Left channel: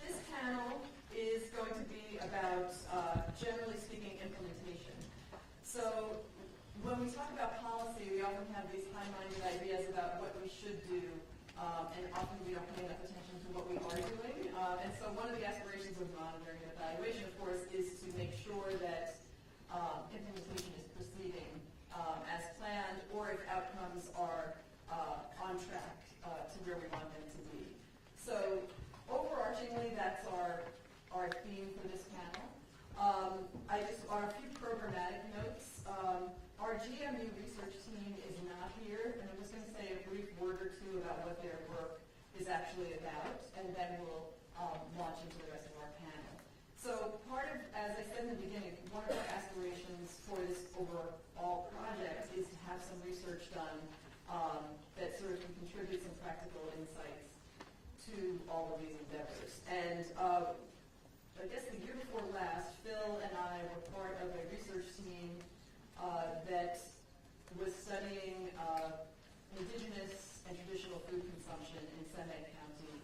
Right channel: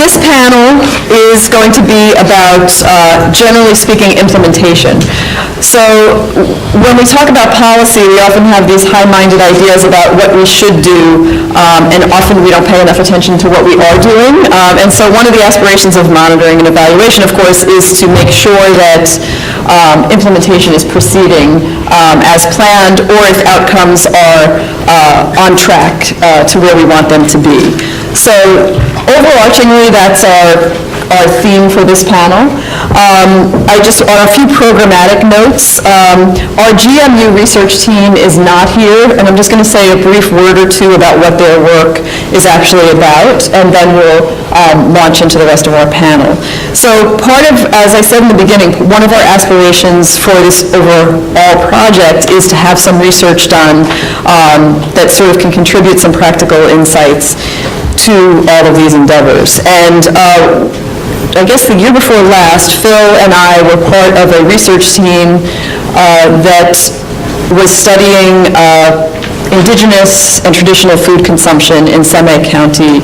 This panel is going to be about, generally speaking, implementation. So when we talk about policy, we often have these high-minded ideas about what we should do, and often we don't pay enough attention to what we are doing. And so one of the aspirations of monitoring and evaluation, of course, is to make sure that implementation is proceeding as planned, or if outcomes are on track to where we want them to be. So overarchingly, that's our theme for this panel. On a few programmatic notes, our GMU research team is not here, and I'm just going to say a brief word or two about what their work is actually about, and then we'll launch into the rest of our panel. So part of, as I said in the beginning, one of our aspirations for this overall project is to have some research done that sort of can contribute some practical insights to all of these endeavors. And I guess the year before last, Phil and I were part of a research team that was studying indigenous and traditional food consumption in Seme County,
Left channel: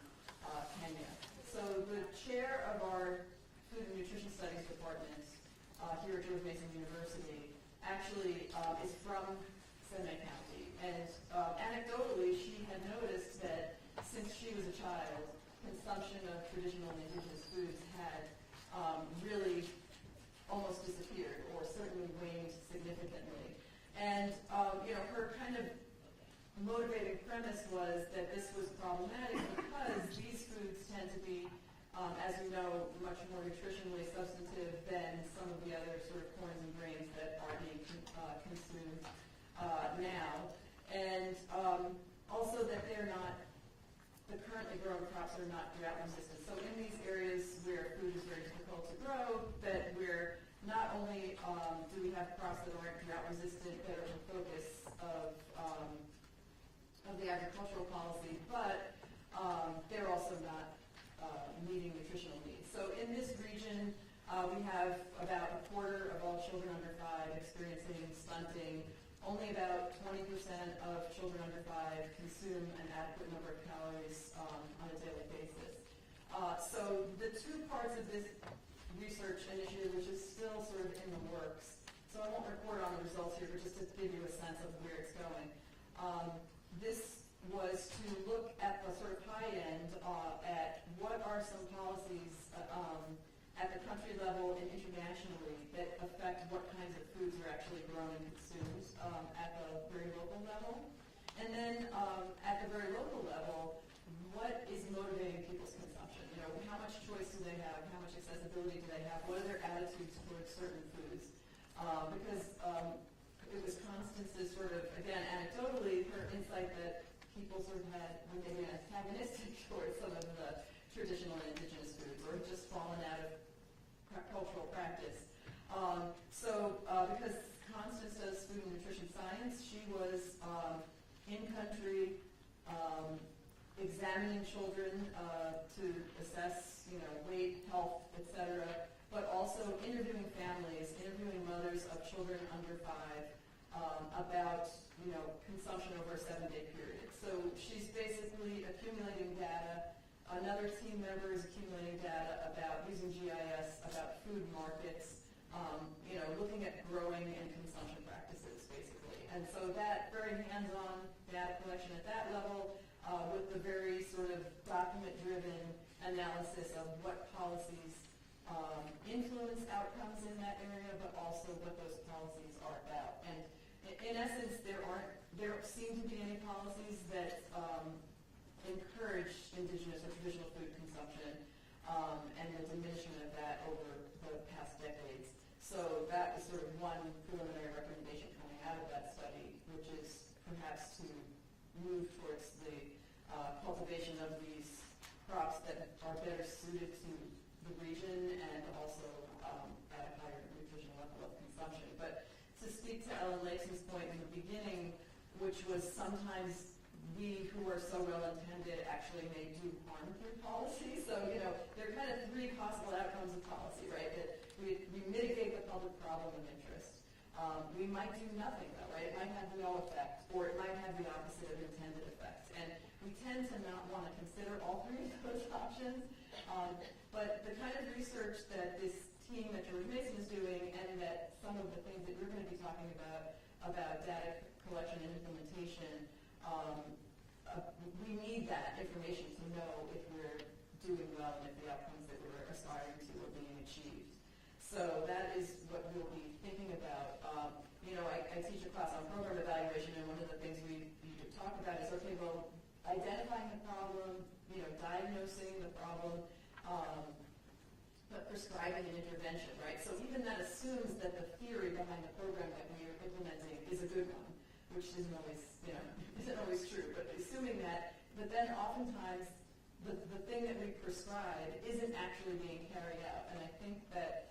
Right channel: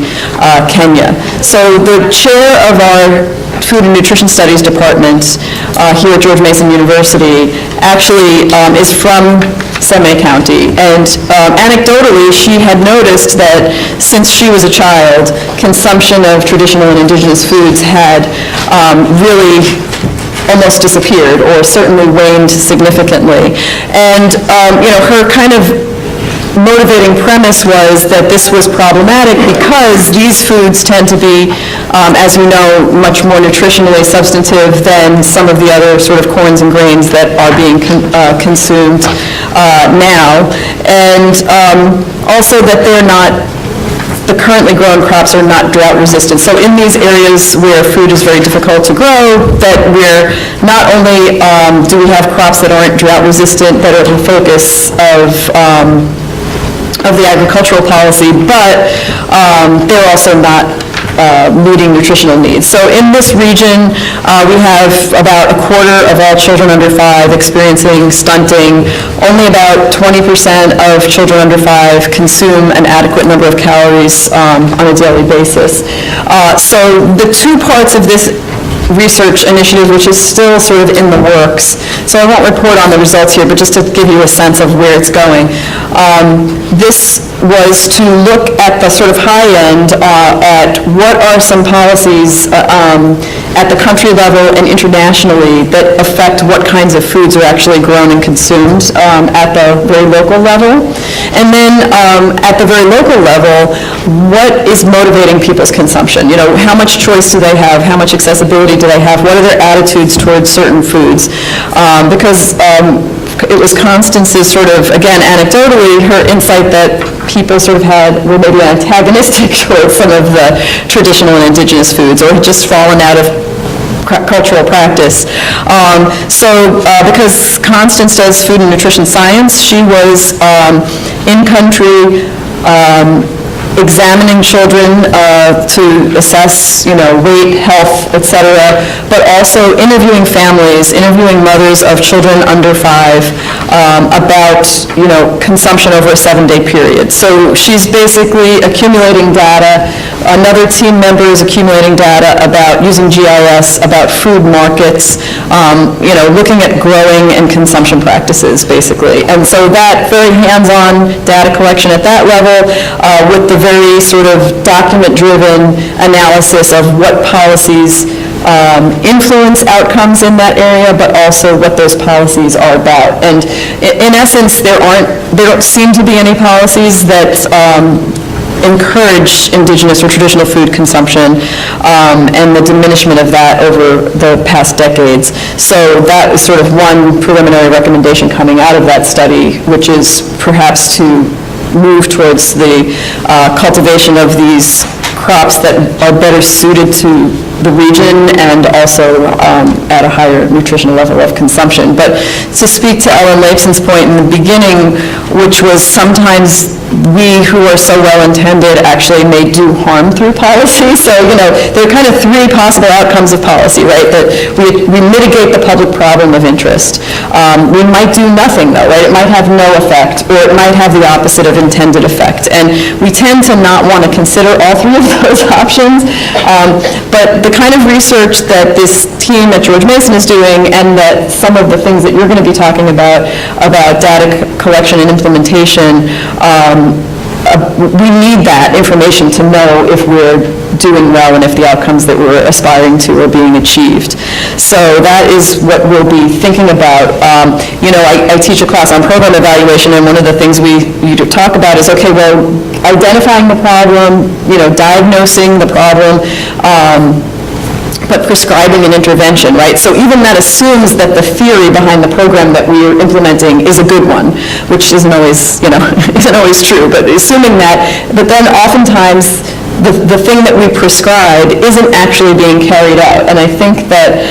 Kenya. So the chair of our Food and Nutrition Studies department here at George Mason University actually is from Seme County, and anecdotally she had noticed that since she was a child, consumption of traditional and indigenous foods had really almost disappeared, or certainly waned significantly. And her kind of motivating premise was that this was problematic because these foods tend to be, as we know, much more nutritionally substantive than some of the other sort of corns and grains that are being consumed now. And also that the currently grown crops are not drought resistant. So in these areas where food is very difficult to grow, that we're not only do we have crops that aren't drought resistant that are the focus of the agricultural policy, but they're also not meeting nutritional needs. So in this region, we have about a quarter of all children under 5 experiencing stunting. Only about 20% of children under 5 consume an adequate number of calories on a daily basis. So the two parts of this research initiative, which is still sort of in the works. So I won't report on the results here, but just to give you a sense of where it's going. This was to look at the sort of high end at what are some policies at the country level and internationally that affect what kinds of foods are actually grown and consumed at the very local level. And then at the very local level, what is motivating people's consumption? You know, how much choice do they have? How much accessibility do they have? What are their attitudes towards certain foods? Because it was Constance's sort of, again, anecdotally, her insight that people sort of were maybe antagonistic towards some of the traditional and indigenous foods, or had just fallen out of cultural practice. Because Constance does food and nutrition science, she was in country examining children to assess, weight, health, etc., but also interviewing families, interviewing mothers of children under 5 about, consumption over a 7-day period. So she's basically accumulating data. Another team member is accumulating data about using GIS, about food markets, looking at growing and consumption practices, basically. And so that very hands-on data collection at that level with the very sort of document-driven analysis of what policies influence outcomes in that area, but also what those policies are about. And in essence, there don't seem to be any policies that encourage indigenous or traditional food consumption and the diminishment of that over the past decades. So that is sort of one preliminary recommendation coming out of that study, which is perhaps to move towards the cultivation of these crops that are better suited to the region and also at a higher nutritional level of consumption. But to speak to Ellen Lapson's point in the beginning, which was sometimes we who are so well-intended actually may do harm through policy. So, there are kind of three possible outcomes of policy, right? That we mitigate the public problem of interest. We might do nothing, though, right? It might have no effect, or it might have the opposite of intended effect. And we tend to not want to consider all three of those options. But the kind of research that this team at George Mason is doing, and that some of the things that you're going to be talking about data collection and implementation, we need that information to know if we're doing well and if the outcomes that we're aspiring to are being achieved. So that is what we'll be thinking about. I teach a class on program evaluation, and one of the things we talk about is, okay, well, identifying the problem, diagnosing the problem, but prescribing an intervention, right? So even that assumes that the theory behind the program that we're implementing is a good one, which isn't always, isn't always true, but assuming that, but then oftentimes the thing that we prescribed isn't actually being carried out. And I think that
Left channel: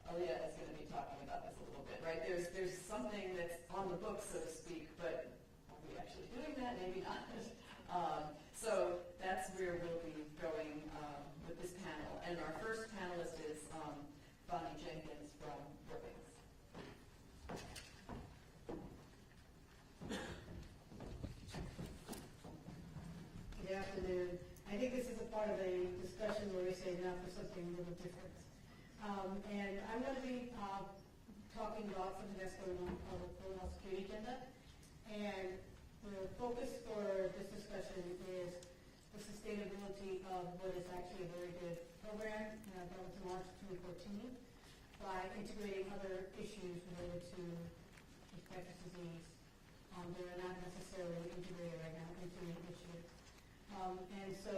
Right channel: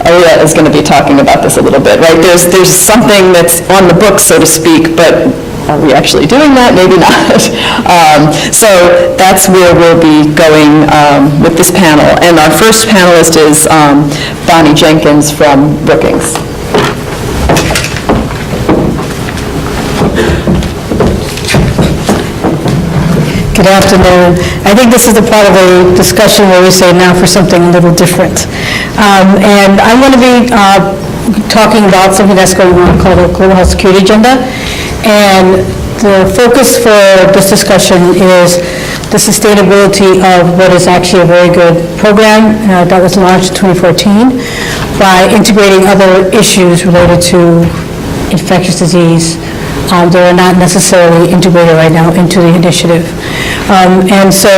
Alia is going to be talking about this a little bit, right? There's something that's on the books, so to speak, but are we actually doing that? Maybe not. So that's where we'll be going with this panel. And our first panelist is Jenkins from Brookings. Good afternoon. I think this is the part of the discussion where we say now for something a little different. And I'm going to be talking about something that's going on called the Global Health Security Agenda. And the focus for this discussion is the sustainability of what is actually a very good program that was launched in 2014 by integrating other issues related to infectious disease that are not necessarily integrated right now into the initiative. And so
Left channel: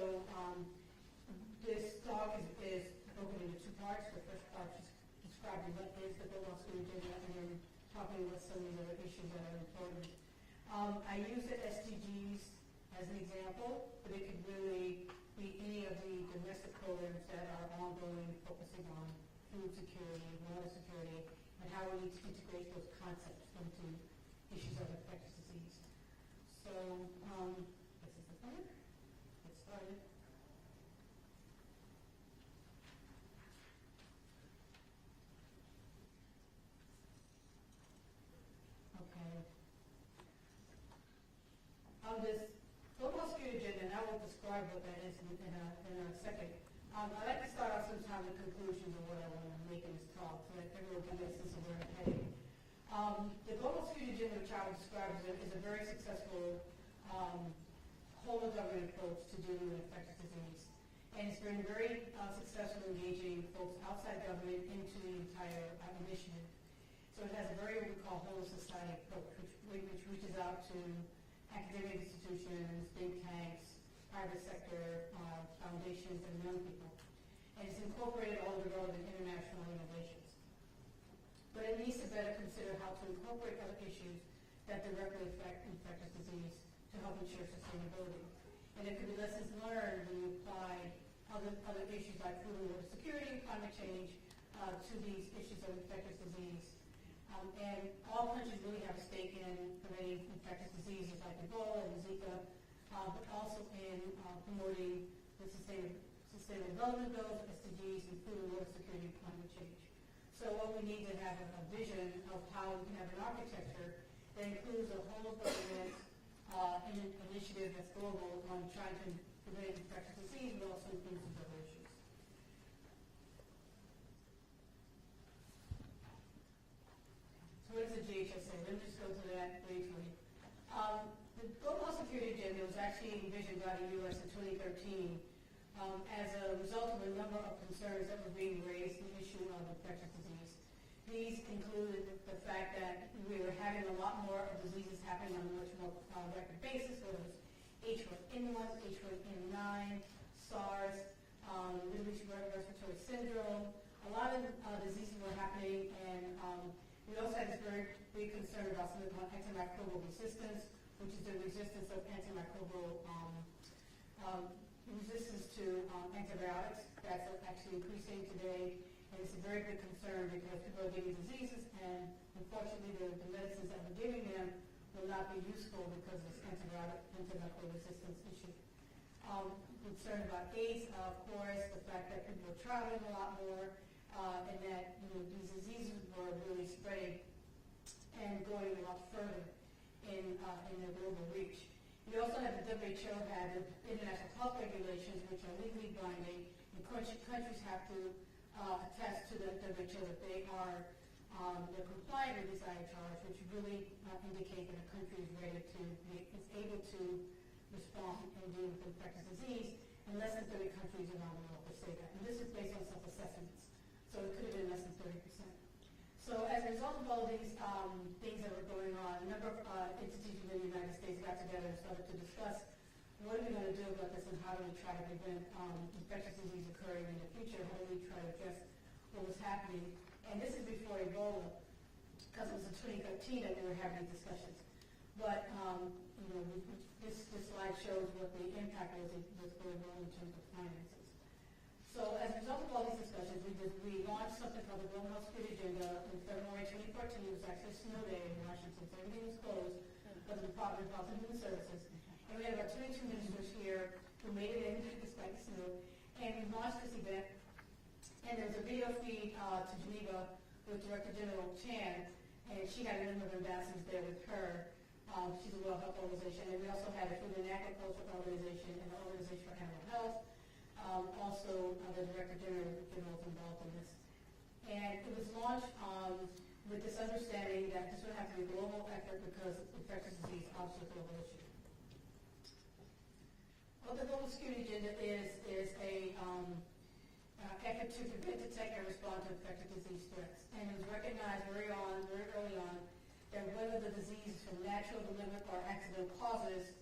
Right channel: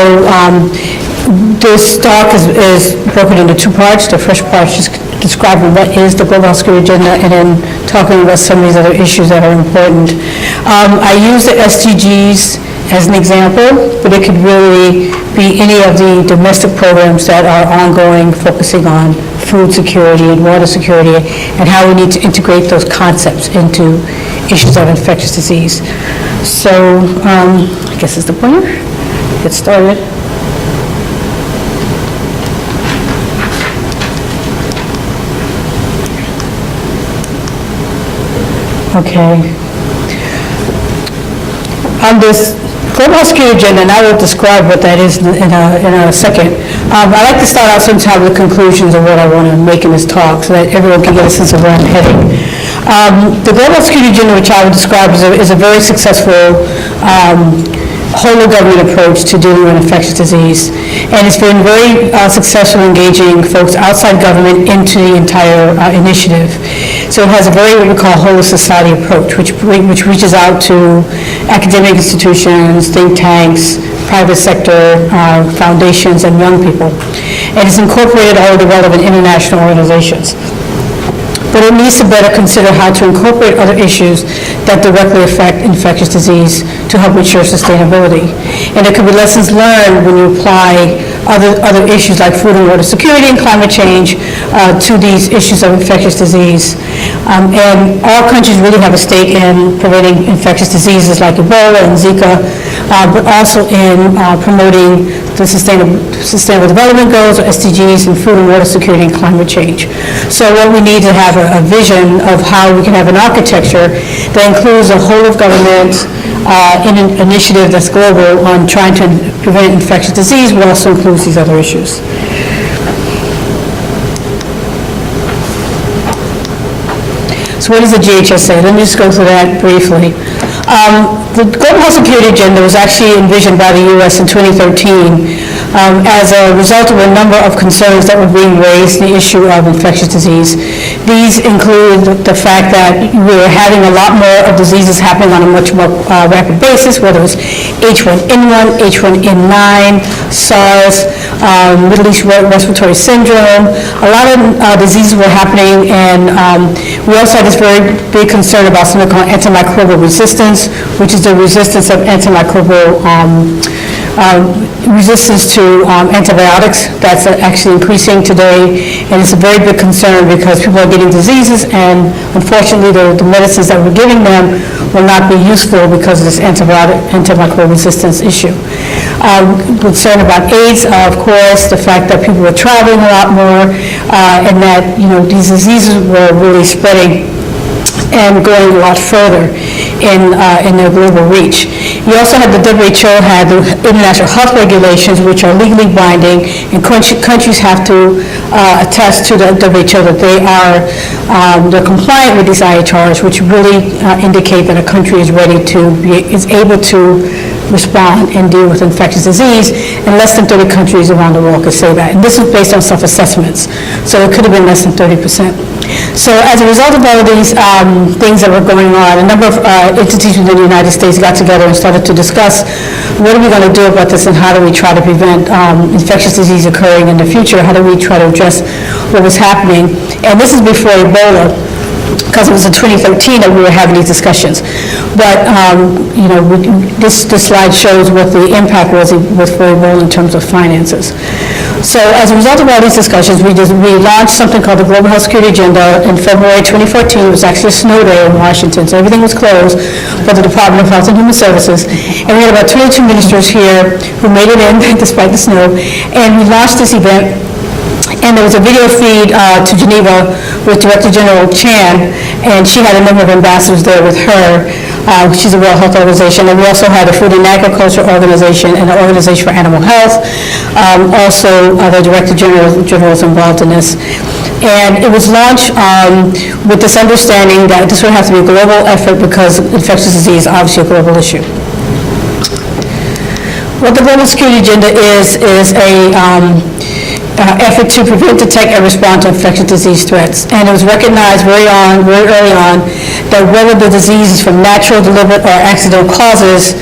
this talk is broken into two parts. The first part is just describing what is the Global Health Security Agenda, and then talking about some of these other issues that are important. I use the SDGs as an example, but it could really be any of the domestic programs that are ongoing, focusing on food security and water security, and how we need to integrate those concepts into issues of infectious disease. So I guess it's the pointer. Get started. Okay. On this Global Health Security Agenda, and I will describe what that is in a second. I'd like to start out sometime with conclusions of what I want to make in this talk so that everyone can get a sense of where I'm heading. The Global Health Security Agenda, which I would describe is a very successful whole-of-government approach to dealing with infectious disease. And it's been very successful engaging folks outside government into the entire initiative. So it has a very, what we call, whole of society approach, which reaches out to academic institutions, think tanks, private sector, foundations, and young people. And it's incorporated all of the relevant international organizations. But it needs to better consider how to incorporate other issues that directly affect infectious disease to help ensure sustainability. And there could be lessons learned when you apply other issues like food and water security and climate change to these issues of infectious disease. And all countries really have a stake in preventing infectious diseases like Ebola and Zika, but also in promoting the Sustainable Development Goals, or SDGs, in food and water security and climate change. So what we need to have a vision of how we can have an architecture that includes a whole of government in an initiative that's global on trying to prevent infectious disease, but also includes these other issues. So what is the GHSA? Let me just go through that briefly. The Global Health Security Agenda was actually envisioned by the U.S. in 2013 as a result of a number of concerns that were being raised in the issue of infectious disease. These include the fact that we were having a lot more of diseases happening on a much more rapid basis, whether it was H1N1, H1N9, SARS, Middle East respiratory syndrome. A lot of diseases were happening, and we also had this very big concern about something called antimicrobial resistance, which is the resistance of antimicrobial resistance to antibiotics. That's actually increasing today, and it's a very big concern because people are getting diseases, and unfortunately, the medicines that we're giving them will not be useful because of this antimicrobial resistance issue. Concern about AIDS, of course, the fact that people are traveling a lot more, and that, these diseases were really spreading and going a lot further in their global reach. You also have the WHO had the international health regulations, which are legally binding, and countries have to attest to the WHO that they're compliant with these IHRs, which really indicate that a country is ready is able to respond and deal with infectious disease, and less than 30 countries around the world could say that. And this is based on self-assessments, so it could have been less than 30%. So as a result of all of these things that were going on, a number of entities within the United States got together and started to discuss what are we going to do about this, and how do we try to prevent infectious disease occurring in the future? How do we try to address what was happening? And this is before Ebola, because it was in 2013 that we were having these discussions. But, this slide shows what the impact was for Ebola in terms of finances. So as a result of all these discussions, we launched something called the Global Health Security Agenda in February 2014. It was actually a snow day in Washington, so everything was closed for the Department of Health and Human Services. And we had about 22 ministers here who made it in despite the snow. And we launched this event. And there was a video feed to Geneva with Director General Chan, and she had a number of ambassadors there with her. She's a World Health Organization, and we also had the Food and Agriculture Organization and the Organization for Animal Health. Also, the Director General is involved in this. And it was launched with this understanding that this would have to be a global effort because infectious disease is obviously a global issue. What the Global Security Agenda is a effort to prevent, detect, and respond to infectious disease threats. And it was recognized very early on that whether the disease is from natural, deliberate, or accidental causes,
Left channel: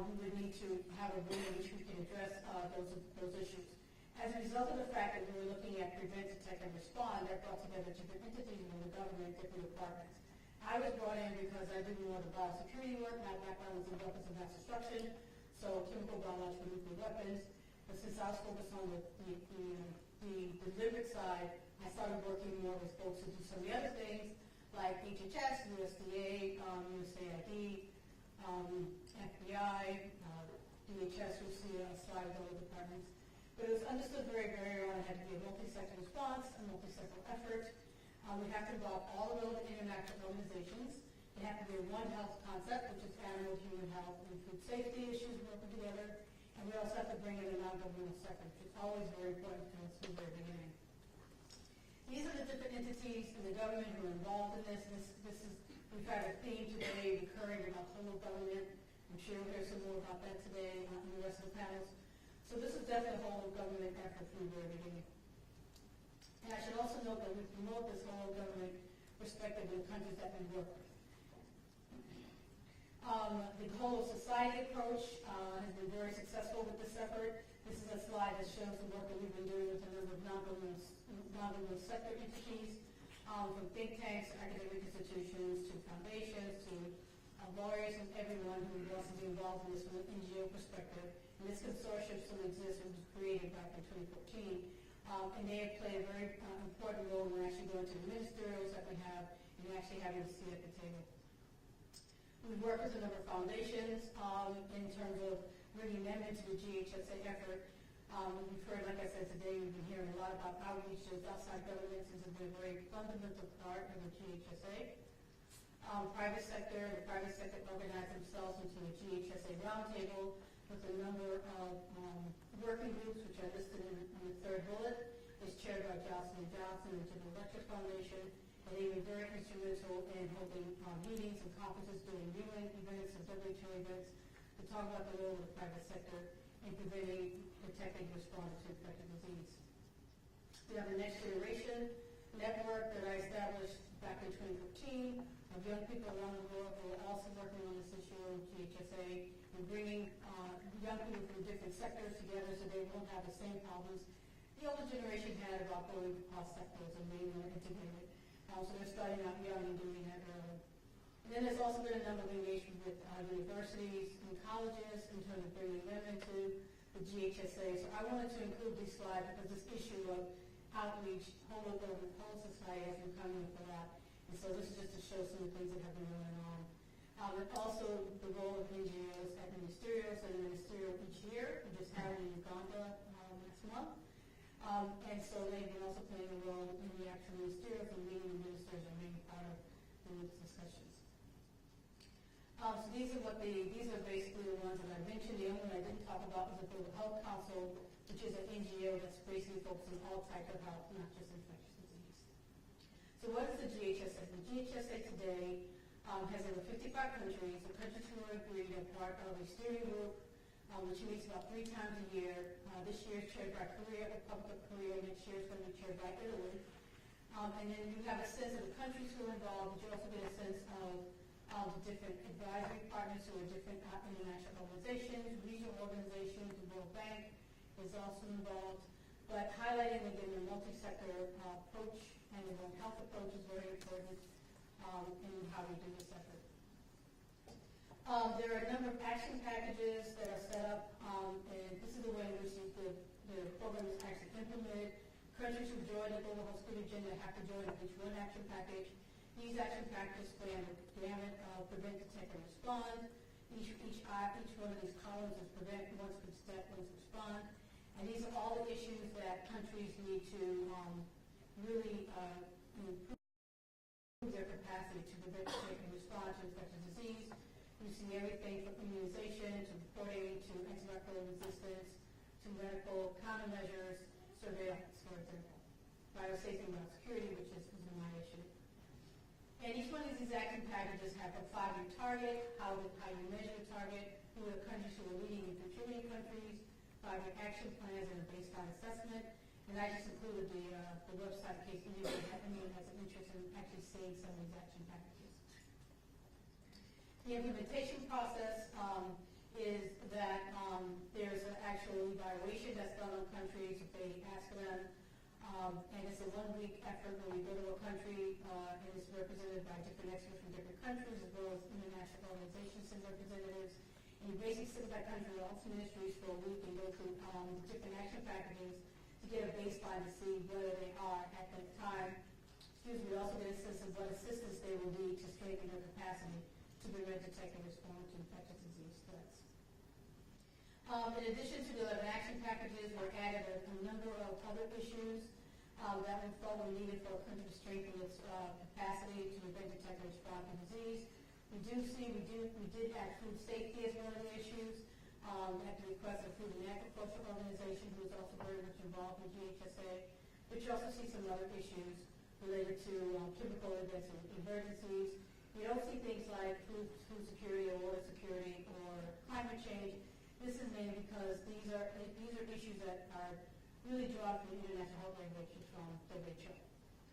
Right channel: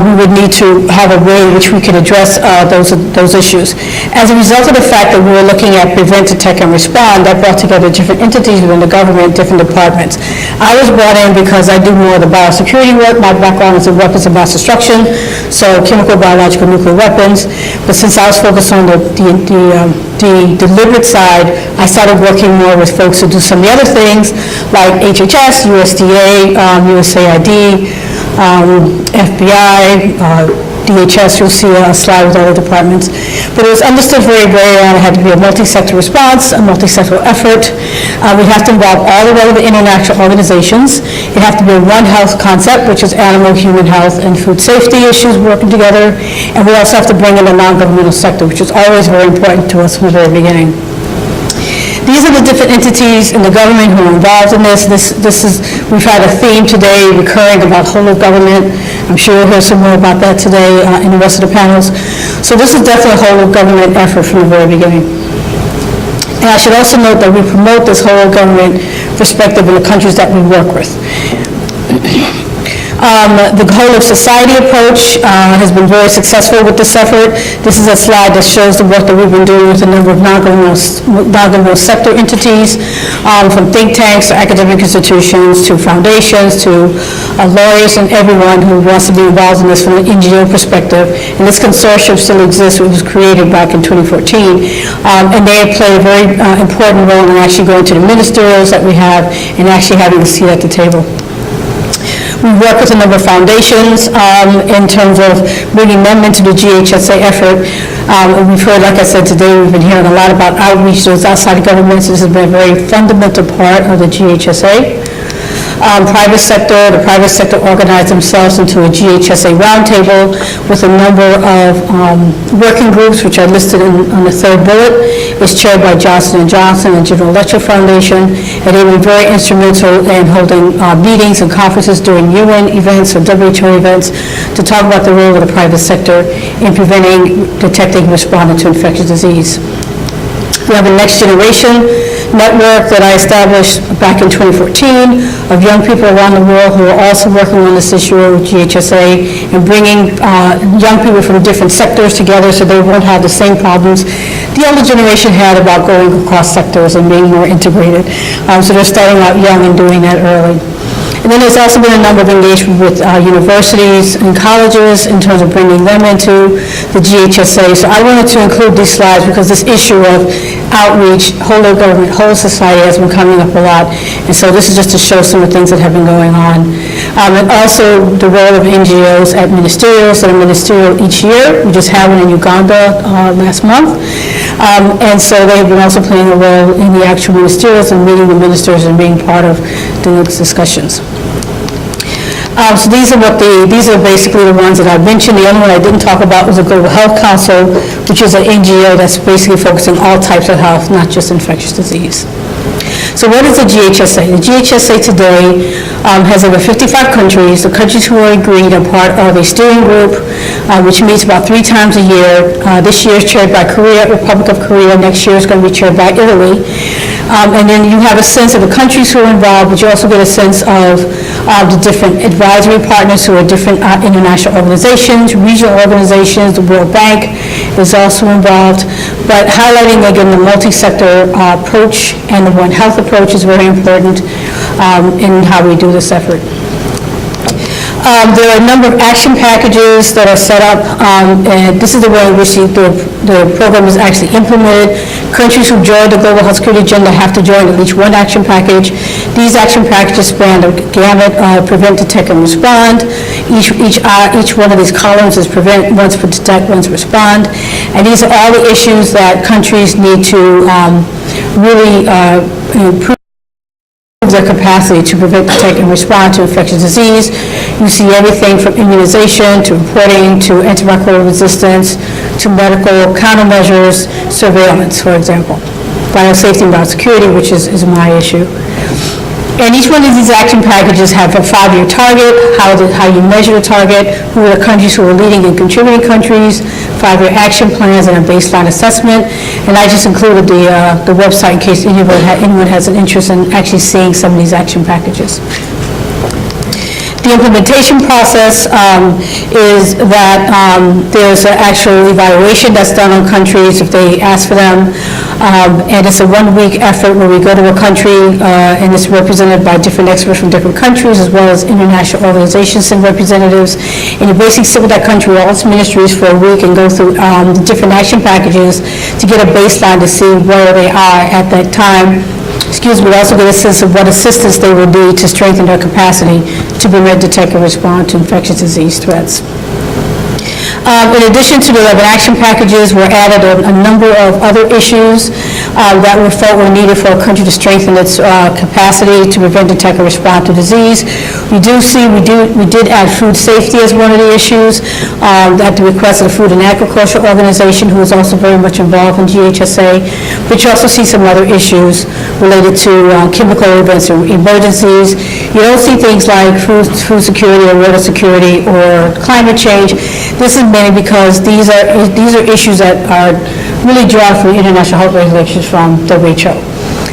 we would need to have a way in which we could address those issues. As a result of the fact that we were looking at prevent, detect, and respond, that brought together different entities within the government, different departments. I was brought in because I do more of the biosecurity work. My background is in weapons of mass destruction, so chemical, biological, nuclear weapons. But since I was focused on the deliberate side, I started working more with folks who do some of the other things like HHS, USDA, USAID, FBI, DHS. You'll see a slide with all the departments. But it was understood very, very early it had to be a multi-sector response, a multi-sectoral effort. We have to involve all the relevant international organizations. It has to be a One Health concept, which is animal, human health, and food safety issues working together. And we also have to bring in the non-governmental sector, which is always very important to us from the very beginning. These are the different entities in the government who are involved in this. We've had a theme today recurring about whole of government. I'm sure we'll hear some more about that today in the rest of the panels. So this is definitely a whole of government effort from the very beginning. And I should also note that we promote this whole of government perspective in the countries that we work with. The whole of society approach has been very successful with this effort. This is a slide that shows the work that we've been doing with a number of non-governmental sector entities, from think tanks to academic institutions to foundations to lawyers and everyone who wants to be involved in this from an NGO perspective. And this consortium still exists. It was created back in 2014. And they have played a very important role in actually going to the ministerials that we have and actually having a seat at the table. We work with a number of foundations in terms of bringing them into the GHSA effort. We've heard, like I said today, we've been hearing a lot about outreach to those outside governments. This has been a very fundamental part of the GHSA. The private sector organized themselves into a GHSA Roundtable with a number of working groups, which are listed on the third bullet. It's chaired by Johnson & Johnson and General Electric Foundation, and they've been very instrumental in holding meetings and conferences during UN events or WHO events to talk about the role of the private sector in preventing, detecting, and responding to infectious disease. We have a next generation network that I established back in 2014 of young people around the world who are also working on this issue with GHSA and bringing young people from different sectors together so they won't have the same problems the older generation had about going across sectors and being more integrated. So they're starting out young and doing that early. And then there's also been a number of engagement with universities and colleges in terms of bringing them into the GHSA. So I wanted to include these slides because this issue of outreach, whole of government, whole of society has been coming up a lot. And so this is just to show some of the things that have been going on. And also the role of NGOs at ministerials that are ministerial each year. We just had one in Uganda last month. And so they have been also playing a role in the actual ministerials and meeting the ministers and being part of those discussions. So these are basically the ones that I mentioned. The only one I didn't talk about was the Global Health Council, which is an NGO that's basically focusing all types of health, not just infectious disease. So what is the GHSA? The GHSA today has over 55 countries. The countries who are agreed are part of a steering group, which meets about 3 times a year. This year is chaired by Korea, Republic of Korea. Next year is going to be chaired by Italy. And then you have a sense of the countries who are involved, but you also get a sense of the different advisory partners who are different international organizations, regional organizations. The World Bank is also involved. But highlighting, again, the multi-sector approach and the One Health approach is very important in how we do this effort. There are a number of action packages that are set up, and this is the way in which the program is actually implemented. Countries who join the Global Health Security Agenda have to join at least one action package. These action packages span the gamut, prevent, detect, and respond. Each one of these columns is prevent, one's for detect, one's respond. And these are all the issues that countries need to really improve their capacity to prevent, detect, and respond to infectious disease. You see everything from immunization to reporting to antimicrobial resistance to medical countermeasures, surveillance, for example. Biosafety and biosecurity, which is my issue. And each one of these action packages have a 5-year target, how you measure the target, who are the countries who are leading and contributing countries, 5-year action plans, and a baseline assessment. And I just included the website in case anyone has an interest in actually seeing some of these action packages. The implementation process is that there's an actual evaluation that's done on countries if they ask for them. And it's a 1-week effort where we go to a country and it's represented by different experts from different countries as well as international organizations and representatives. And you basically sit with that country, all its ministries for a week and go through the different action packages to get a baseline to see where they are at that time. We also get a sense of what assistance they will need to strengthen their capacity to prevent, detect, and respond to infectious disease threats. In addition to the 11 action packages, we're added a number of other issues that we felt were needed for a country to strengthen its capacity to prevent, detect, and respond to disease. We did add food safety as one of the issues at the request of the Food and Agriculture Organization, who is also very much involved in GHSA. But you also see some other issues related to chemical events or emergencies. You don't see things like food security or water security or climate change. This is mainly because these are issues that are really drawn from international health regulations from WHO.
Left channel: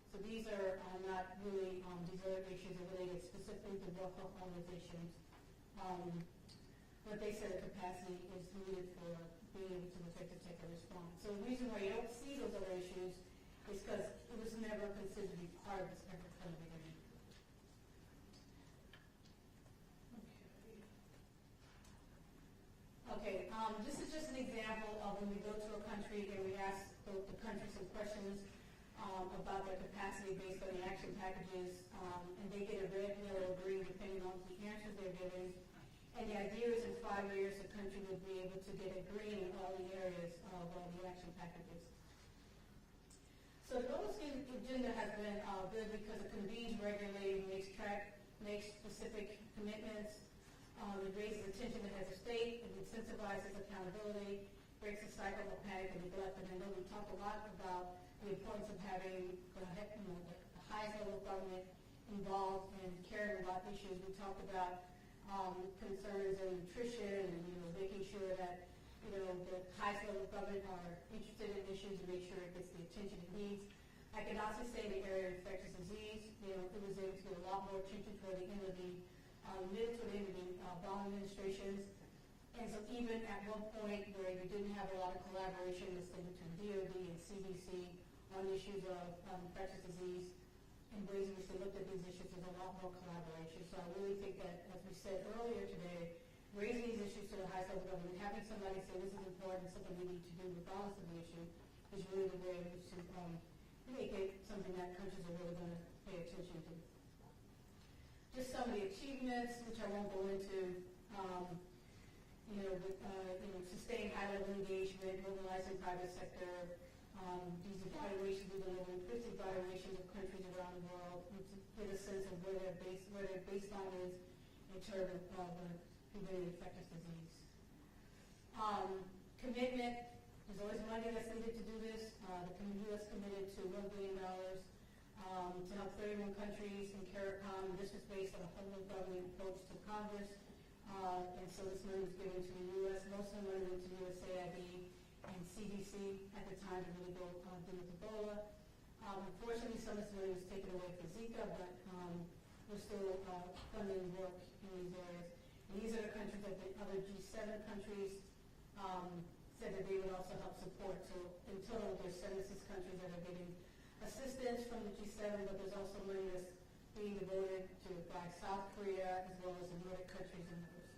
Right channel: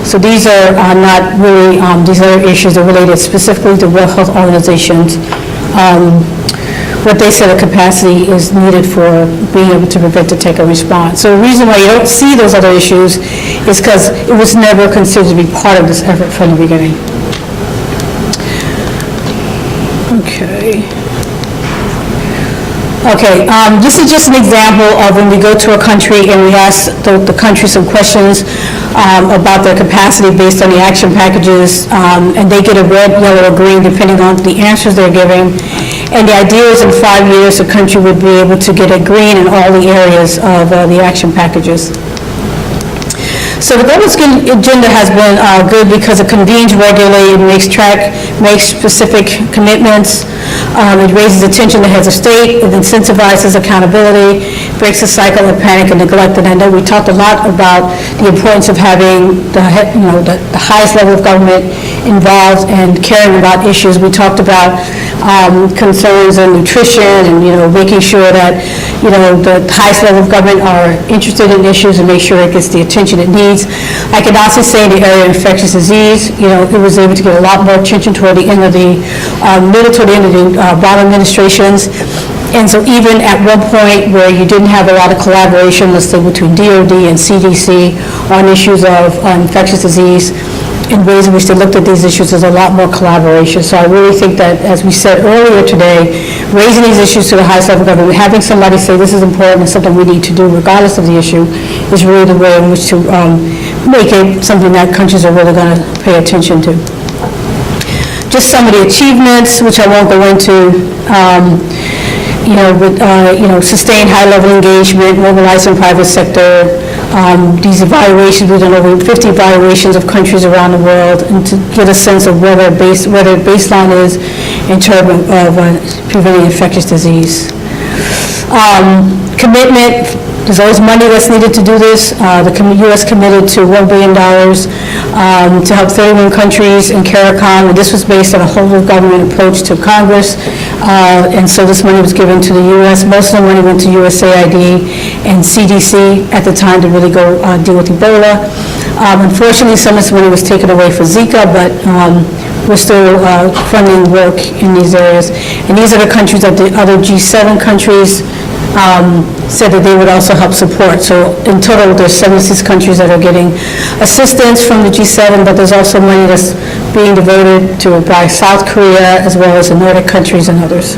So these are not really, these other issues are related specifically to World Health Organizations. What they said the capacity is needed for being able to prevent, detect, and respond. So the reason why you don't see those other issues is because it was never considered to be part of this effort from the beginning. Okay, this is just an example of when we go to a country and we ask the country some questions about their capacity based on the action packages, and they get a red, yellow, or green depending on the answers they're giving. And the idea is in 5 years, the country would be able to get a green in all the areas of the action packages. So the Global Skin Agenda has been good because it convenes regularly, it makes specific commitments, it raises attention to heads of state, it incentivizes accountability, breaks the cycle of panic and neglect. And I know we talked a lot about the importance of having the highest level of government involved and caring about issues. We talked about concerns on nutrition and making sure that the highest level of government are interested in issues and make sure it gets the attention it needs. I can also say in the area of infectious disease, it was able to get a lot more attention toward the end of the Obama administrations. And so even at one point where you didn't have a lot of collaboration, let's say between DOD and CDC on issues of infectious disease, in ways in which they looked at these issues, there's a lot more collaboration. So I really think that, as we said earlier today, raising these issues to the highest level of government, having somebody say this is important and something we need to do regardless of the issue, is really the way in which to make it something that countries are really going to pay attention to. Just some of the achievements, which I won't go into, sustained high-level engagement, mobilizing private sector, these evaluations, we've done over 50 evaluations of countries around the world, and to get a sense of where their baseline is in terms of preventing infectious disease. Commitment, there's always money that's needed to do this. The U.S. committed to $1 billion to help 31 countries in CARICOM, and this was based on a whole-of-government approach to Congress, and so this money was given to the U.S. Most of the money went to USAID and CDC at the time to really go deal with Ebola. Unfortunately, some of this money was taken away for Zika, but we're still funding work in these areas. And these are the countries that the other G7 countries said that they would also help support. So in total, there's 76 countries that are getting assistance from the G7, but there's also money that's being devoted to by South Korea, as well as the Nordic countries and others.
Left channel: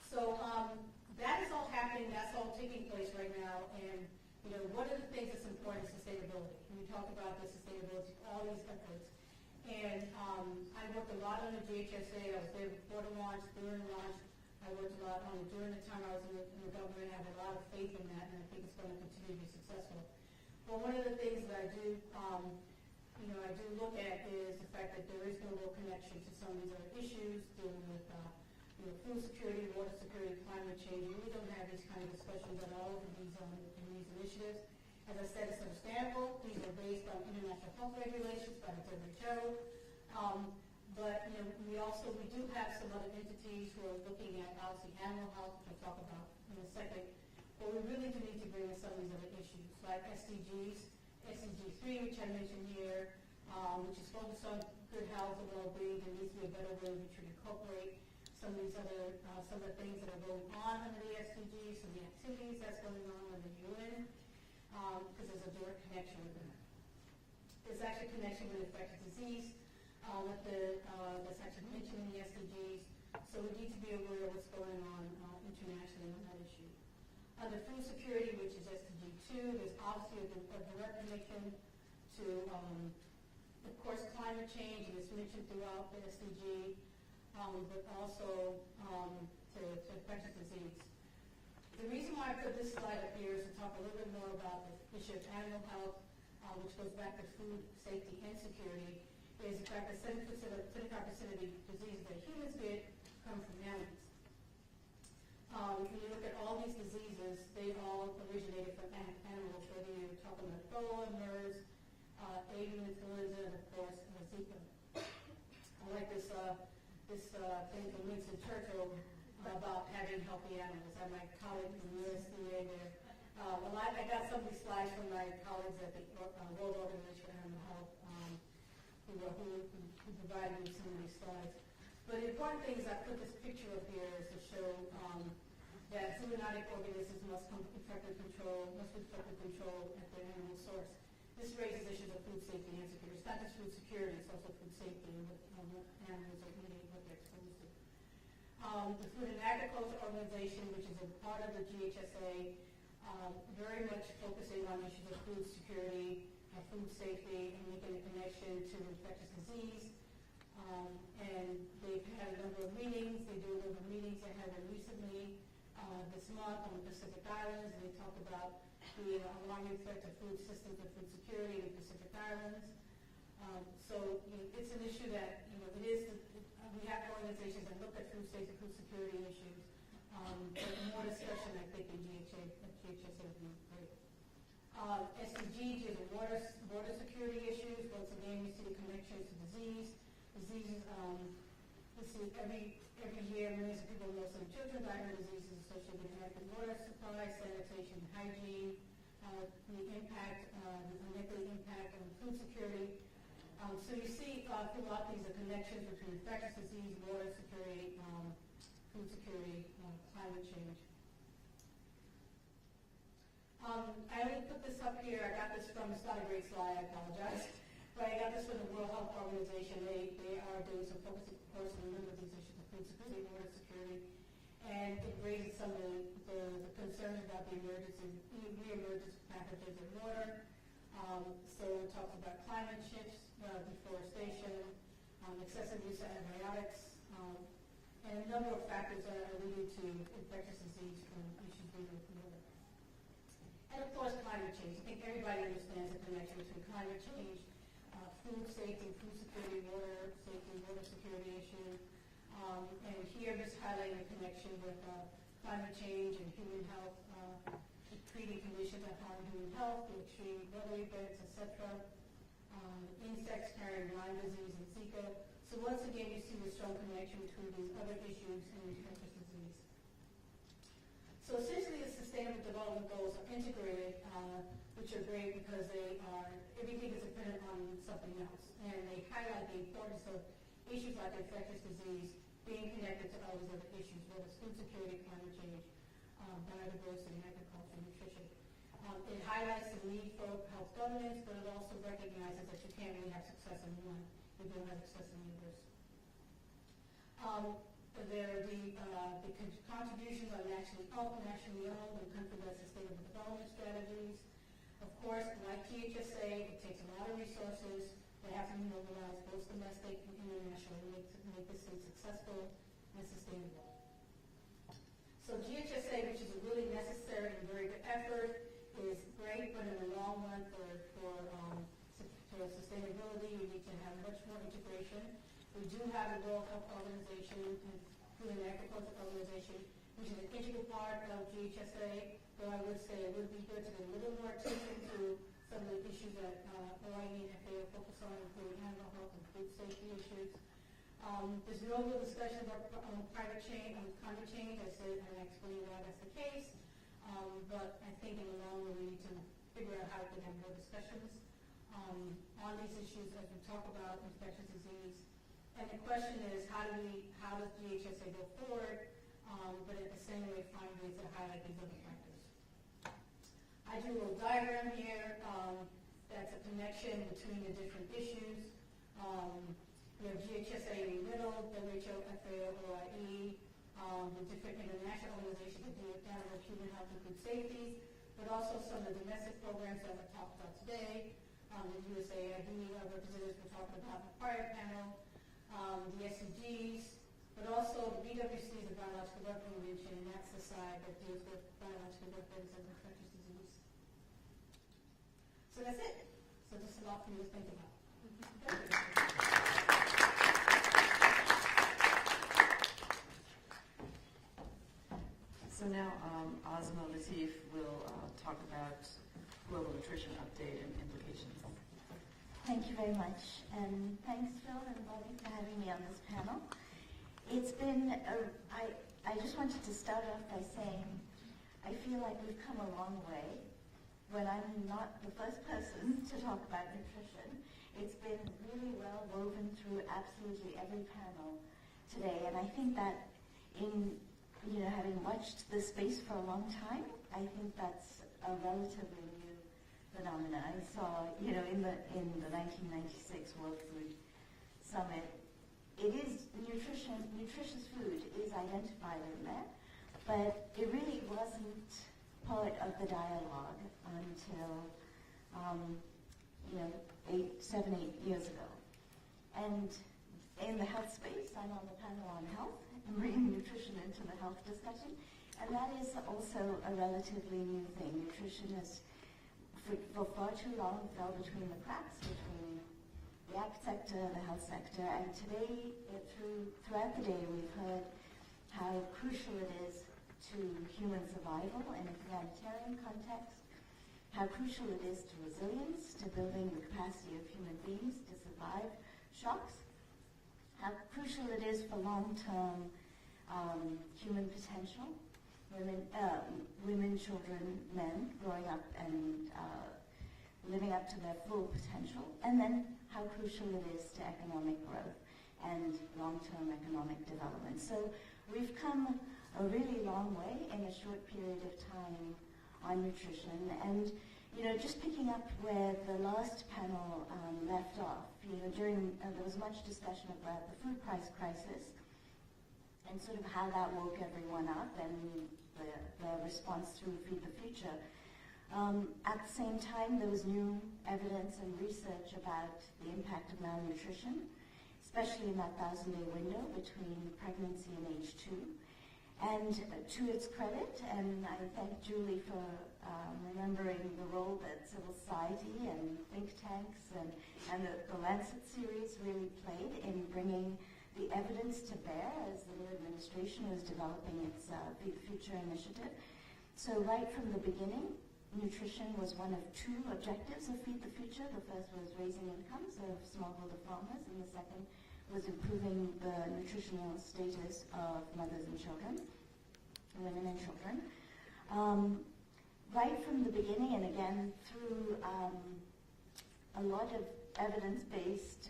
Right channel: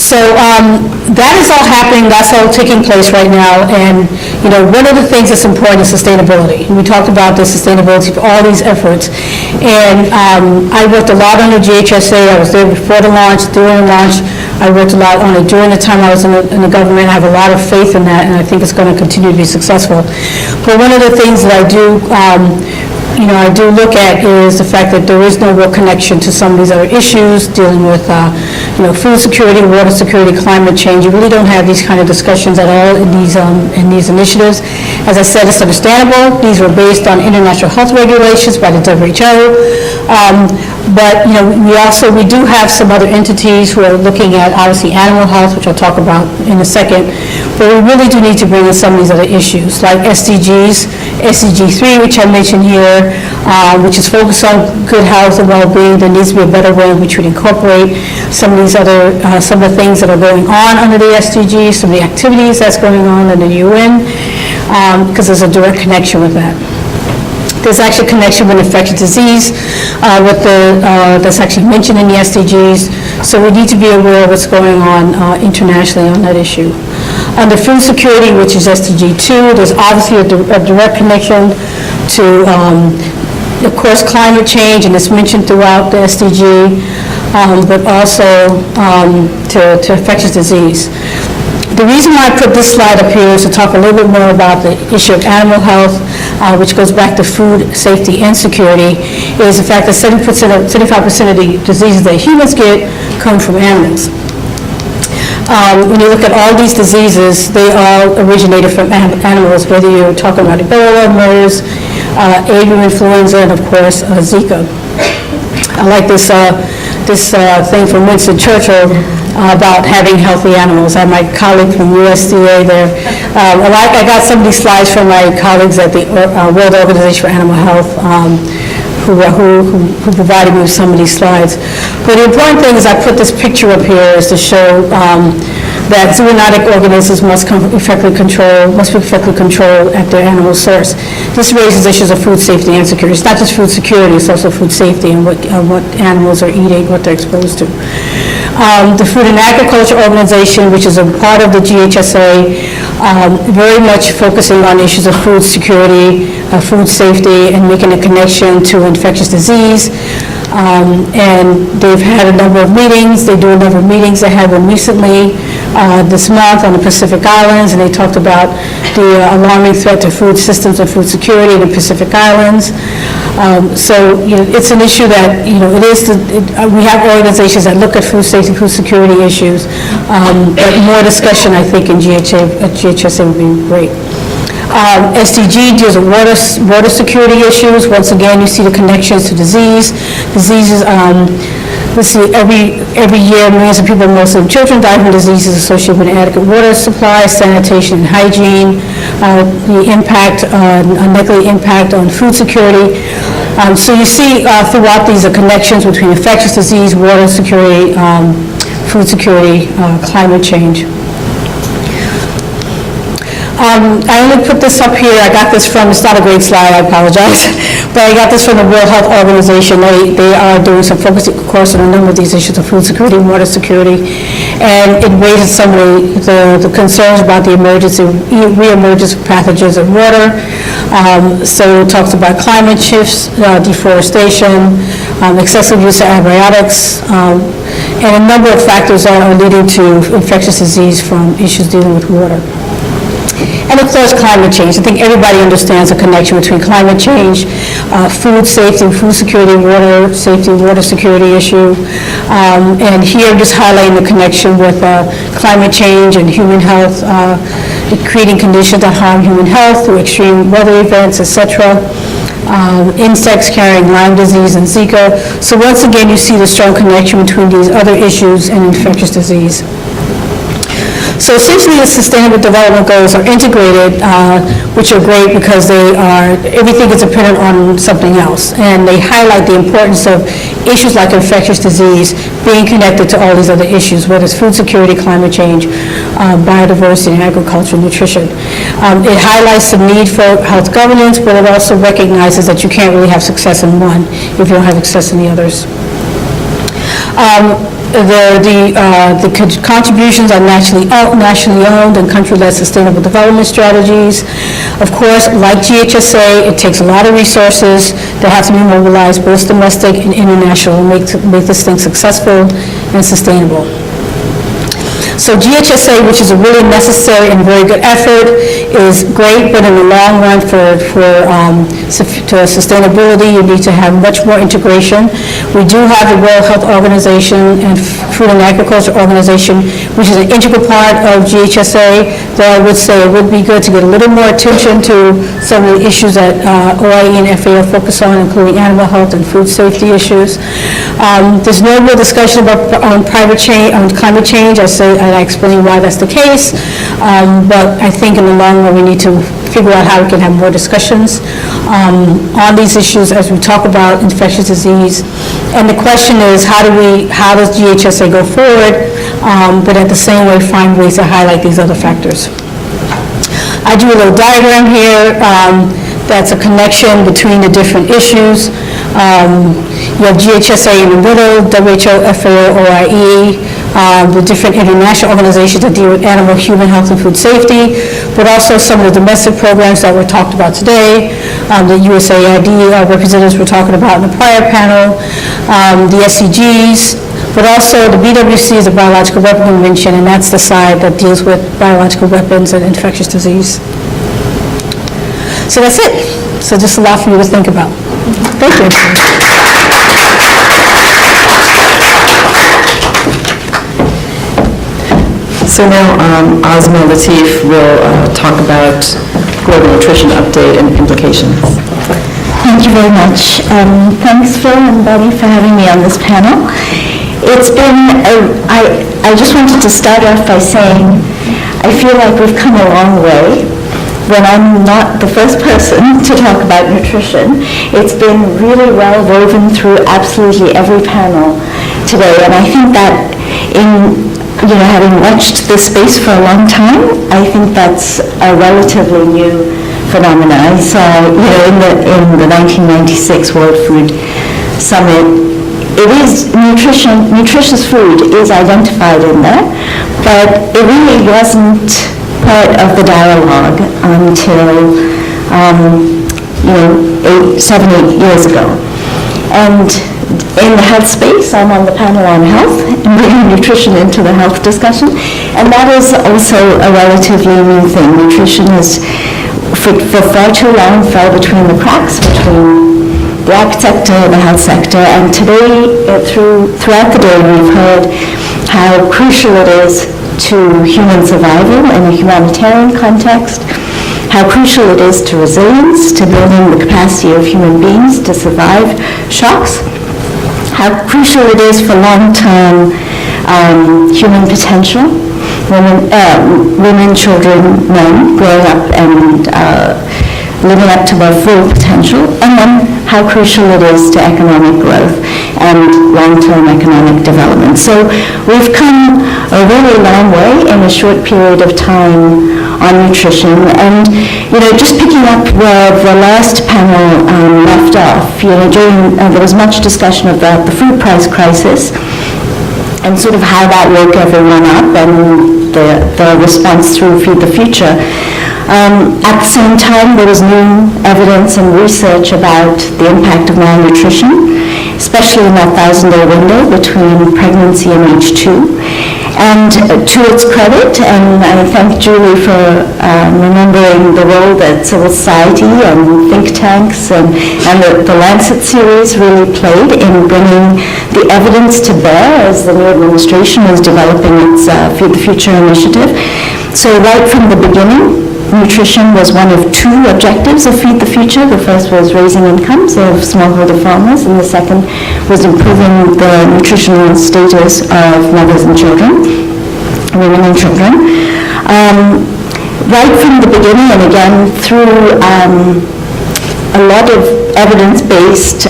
So that is all happening, that's all taking place right now, and one of the things that's important is sustainability. We talked about the sustainability of all these efforts, and I worked a lot on the GHSA. I was there before the launch, during the launch. I worked a lot on it during the time I was in the government. I have a lot of faith in that, and I think it's going to continue to be successful. But one of the things that I do look at is the fact that there is no real connection to some of these other issues dealing with, food security, water security, climate change. You really don't have these kind of discussions at all in these initiatives. As I said, it's understandable. These were based on international health regulations by the WHO. But we do have some other entities who are looking at, obviously, animal health, which I'll talk about in a second. But we really do need to bring in some of these other issues, like SDGs, SDG 3, which I mentioned here, which is focused on good health and well-being. There needs to be a better way in which we incorporate some of these other, some of the things that are going on under the SDGs, some of the activities that's going on in the UN, because there's a direct connection with that. There's actually a connection with infectious disease that's actually mentioned in the SDGs, so we need to be aware of what's going on internationally on that issue. Under food security, which is SDG 2, there's obviously a direct connection to, of course, climate change, and it's mentioned throughout the SDG, but also to infectious disease. The reason why I put this slide up here is to talk a little bit more about the issue of animal health, which goes back to food safety and security, is the fact that 75% of the diseases that humans get come from animals. When you look at all these diseases, they all originated from animals, whether you're talking about Ebola, MERS, avian influenza, and of course, Zika. I like this thing from Winston Churchill about having healthy animals. I have my colleague from USDA there. I got some of these slides from my colleagues at the World Organization for Animal Health, who provided me with some of these slides. But the important thing is I put this picture up here is to show that zoonotic organisms must be effectively controlled at their animal source. This raises issues of food safety and security. It's not just food security, it's also food safety and what animals are eating, what they're exposed to. The Food and Agriculture Organization, which is a part of the GHSA, very much focusing on issues of food security, food safety, and making a connection to infectious disease. And they've had a number of meetings. They do a number of meetings. They had one recently this month on the Pacific Islands, and they talked about the alarming threat to food systems and food security in the Pacific Islands. So it's an issue that we have organizations that look at food safety, food security issues, but more discussion, I think, in GHSA would be great. SDG deals with water security issues. Once again, you see the connections to diseases. Let's see, every year, millions of people, most of them children, die from diseases associated with inadequate water supply, sanitation, and hygiene. The impact, unlikely impact on food security. So you see throughout these connections between infectious disease, water security, food security, climate change. I only put this up here, I got this from, it's not a great slide, I apologize, but I got this from the World Health Organization. They are doing some focus, of course, on a number of these issues of food security and water security, and it raises some of the concerns about the reemergence of pathogens in water. So it talks about climate shifts, deforestation, excessive use of antibiotics, and a number of factors that are leading to infectious disease from issues dealing with water. And of course, climate change. I think everybody understands the connection between climate change, food safety, food security, water safety, water security issue. And here, just highlighting the connection with climate change and human health, creating conditions that harm human health through extreme weather events, etc. Insects carrying Lyme disease and Zika. So once again, you see the strong connection between these other issues and infectious disease. So essentially, the Sustainable Development Goals are integrated, which are great because everything is dependent on something else. And they highlight the importance of issues like infectious disease being connected to all these other issues, whether it's food security, climate change, biodiversity, and agriculture and nutrition. It highlights the need for health governance, but it also recognizes that you can't really have success in one if you don't have success in the others. The contributions are nationally owned and country-led sustainable development strategies. Of course, like GHSA, it takes a lot of resources that have to be mobilized, both domestic and international, to make this thing successful and sustainable. So GHSA, which is a really necessary and very good effort, is great, but in the long run for sustainability, you need to have much more integration. We do have the World Health Organization and Food and Agriculture Organization, which is an integral part of GHSA, though I would say it would be good to get a little more attention to some of the issues that OIE and FAO focus on, including animal health and food safety issues. There's no real discussion about climate change. I explain why that's the case, but I think in the long run we need to figure out how we can have more discussions on these issues as we talk about infectious disease. And the question is, how does GHSA go forward, but at the same way find ways to highlight these other factors. I do a little diagram here that's a connection between the different issues. You have GHSA in the middle, WHO, FAO, OIE, the different international organizations that deal with animal, human health, and food safety, but also some of the domestic programs that were talked about today, the USAID representatives were talking about in the prior panel, the SCGs, but also the BWC is the Biological Weapon Convention, and that's the side that deals with biological weapons and infectious disease. So that's it. So just a lot for you to think about. Thank you. So now Asma and Lateef will talk about global nutrition update and implications. Thank you very much. Thanks, Phil and Betty, for having me on this panel. It's been, I just wanted to start off by saying I feel like we've come a long way. When I'm not the first person to talk about nutrition, it's been really well woven through absolutely every panel today, and I think that having watched this space for a long time, I think that's a relatively new phenomenon. I saw, in the 1996 World Food Summit, it is nutritious food is identified in there, but it really wasn't part of the dialogue until 7-8 years ago. And in the health space, I'm on the panel on health and bringing nutrition into the health discussion, and that is also a relatively new thing. Nutrition is, for far too long, fell between the cracks between the ag sector and the health sector, and today, throughout the day, we've heard how crucial it is to human survival in a humanitarian context, how crucial it is to resilience, to building the capacity of human beings to survive shocks, how crucial it is for long-term human potential, women, children, men growing up and living up to their full potential, and then how crucial it is to economic growth and long-term economic development. So we've come a really long way in a short period of time on nutrition. And, just picking up where the last panel left off, there was much discussion about the food price crisis and sort of how that woke everyone up and the response through Feed the Future. At the same time, there was new evidence and research about the impact of malnutrition, especially in that 1,000-day window between pregnancy and age 2. And to its credit, and I thank Julie for remembering the role that civil society and think tanks and the Lancet series really played in bringing the evidence to bear as the new administration was developing its Feed the Future initiative. So right from the beginning, nutrition was one of 2 objectives of Feed the Future. The first was raising incomes of smallholder farmers, and the second was improving the nutritional status of mothers and children, women and children. Right from the beginning, and again through a lot of evidence-based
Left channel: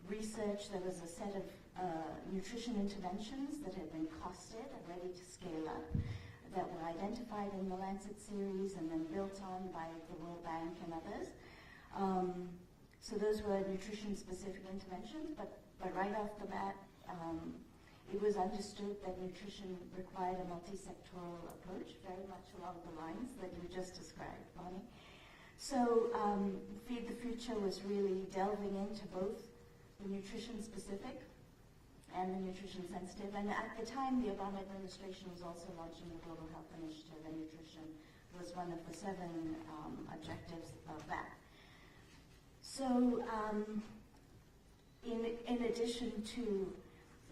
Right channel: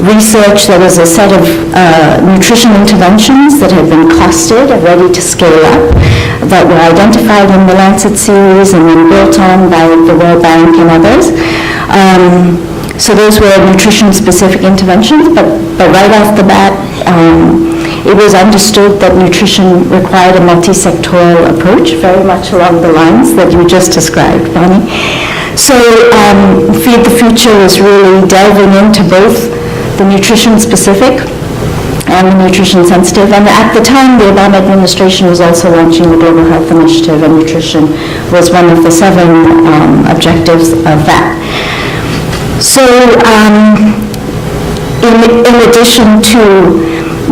research, there was a set of nutrition interventions that had been costed and ready to scale up, that were identified in the Lancet series and then built on by the World Bank and others. So those were nutrition-specific interventions, but right off the bat, it was understood that nutrition required a multi-sectoral approach, very much along the lines that you just described, Bonnie. So Feed the Future is really delving into both the nutrition-specific and the nutrition-sensitive. And at the time, the Obama administration was also launching the Global Health Initiative, and nutrition was one of the 7 objectives of that. So in addition to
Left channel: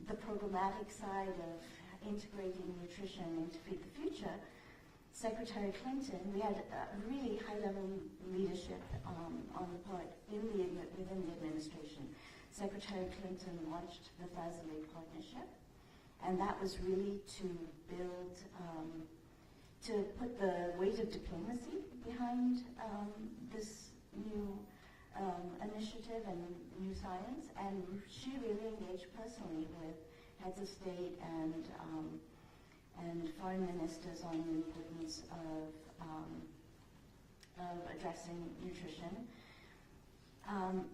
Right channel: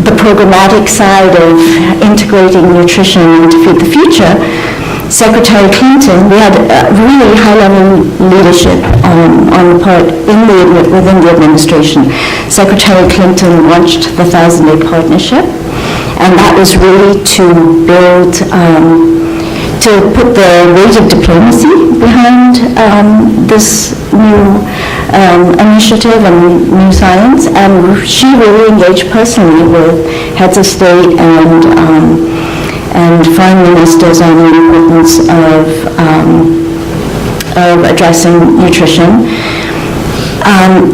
the programmatic side of integrating nutrition into Feed the Future, Secretary Clinton, we had really high-level leadership on the part within the administration. Secretary Clinton launched the 1,000-Day Partnership, and that was really to build, to put the weight of diplomacy behind this new initiative and new science. And she really engaged personally with heads of state and foreign ministers on the importance of addressing nutrition.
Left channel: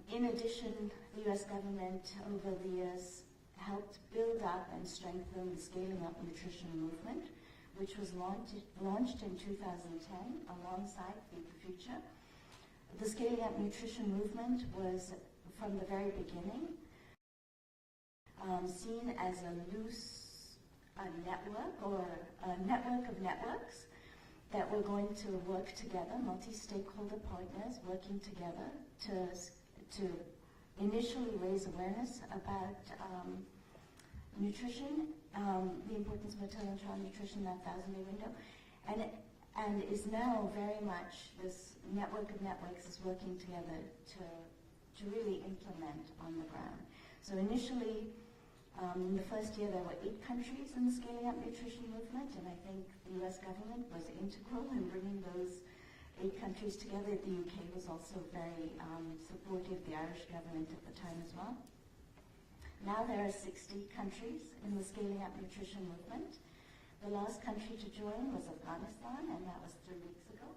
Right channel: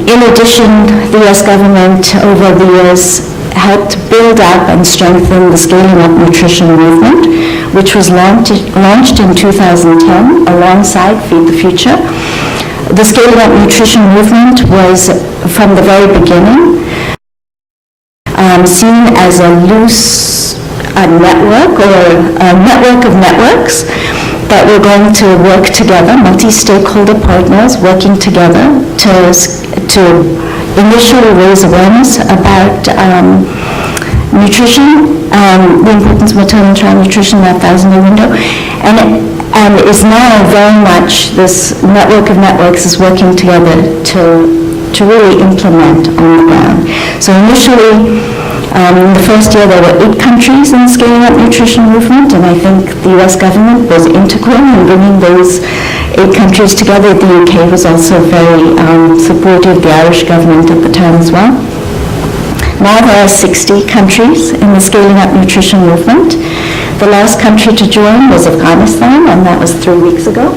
In addition, the U.S. government over the years helped build up and strengthen the Scaling Up Nutrition movement, which was launched in 2010 alongside Feed the Future. The Scaling Up Nutrition movement was, from the very beginning, seen as a loose network or a network of networks that were going to work together, multi-stakeholder partners working together to initially raise awareness about nutrition, the importance of maternal and child nutrition in that 1,000-day window, and is now very much, this network of networks is working together to really implement on the ground. So initially, in the first year, there were 8 countries in the Scaling Up Nutrition movement, and I think the U.S. government was integral in bringing those 8 countries together. The UK was also very supportive, the Irish government at the time as well. Now there are 60 countries in the Scaling Up Nutrition movement. The last country to join was Afghanistan, and that was 3 weeks ago.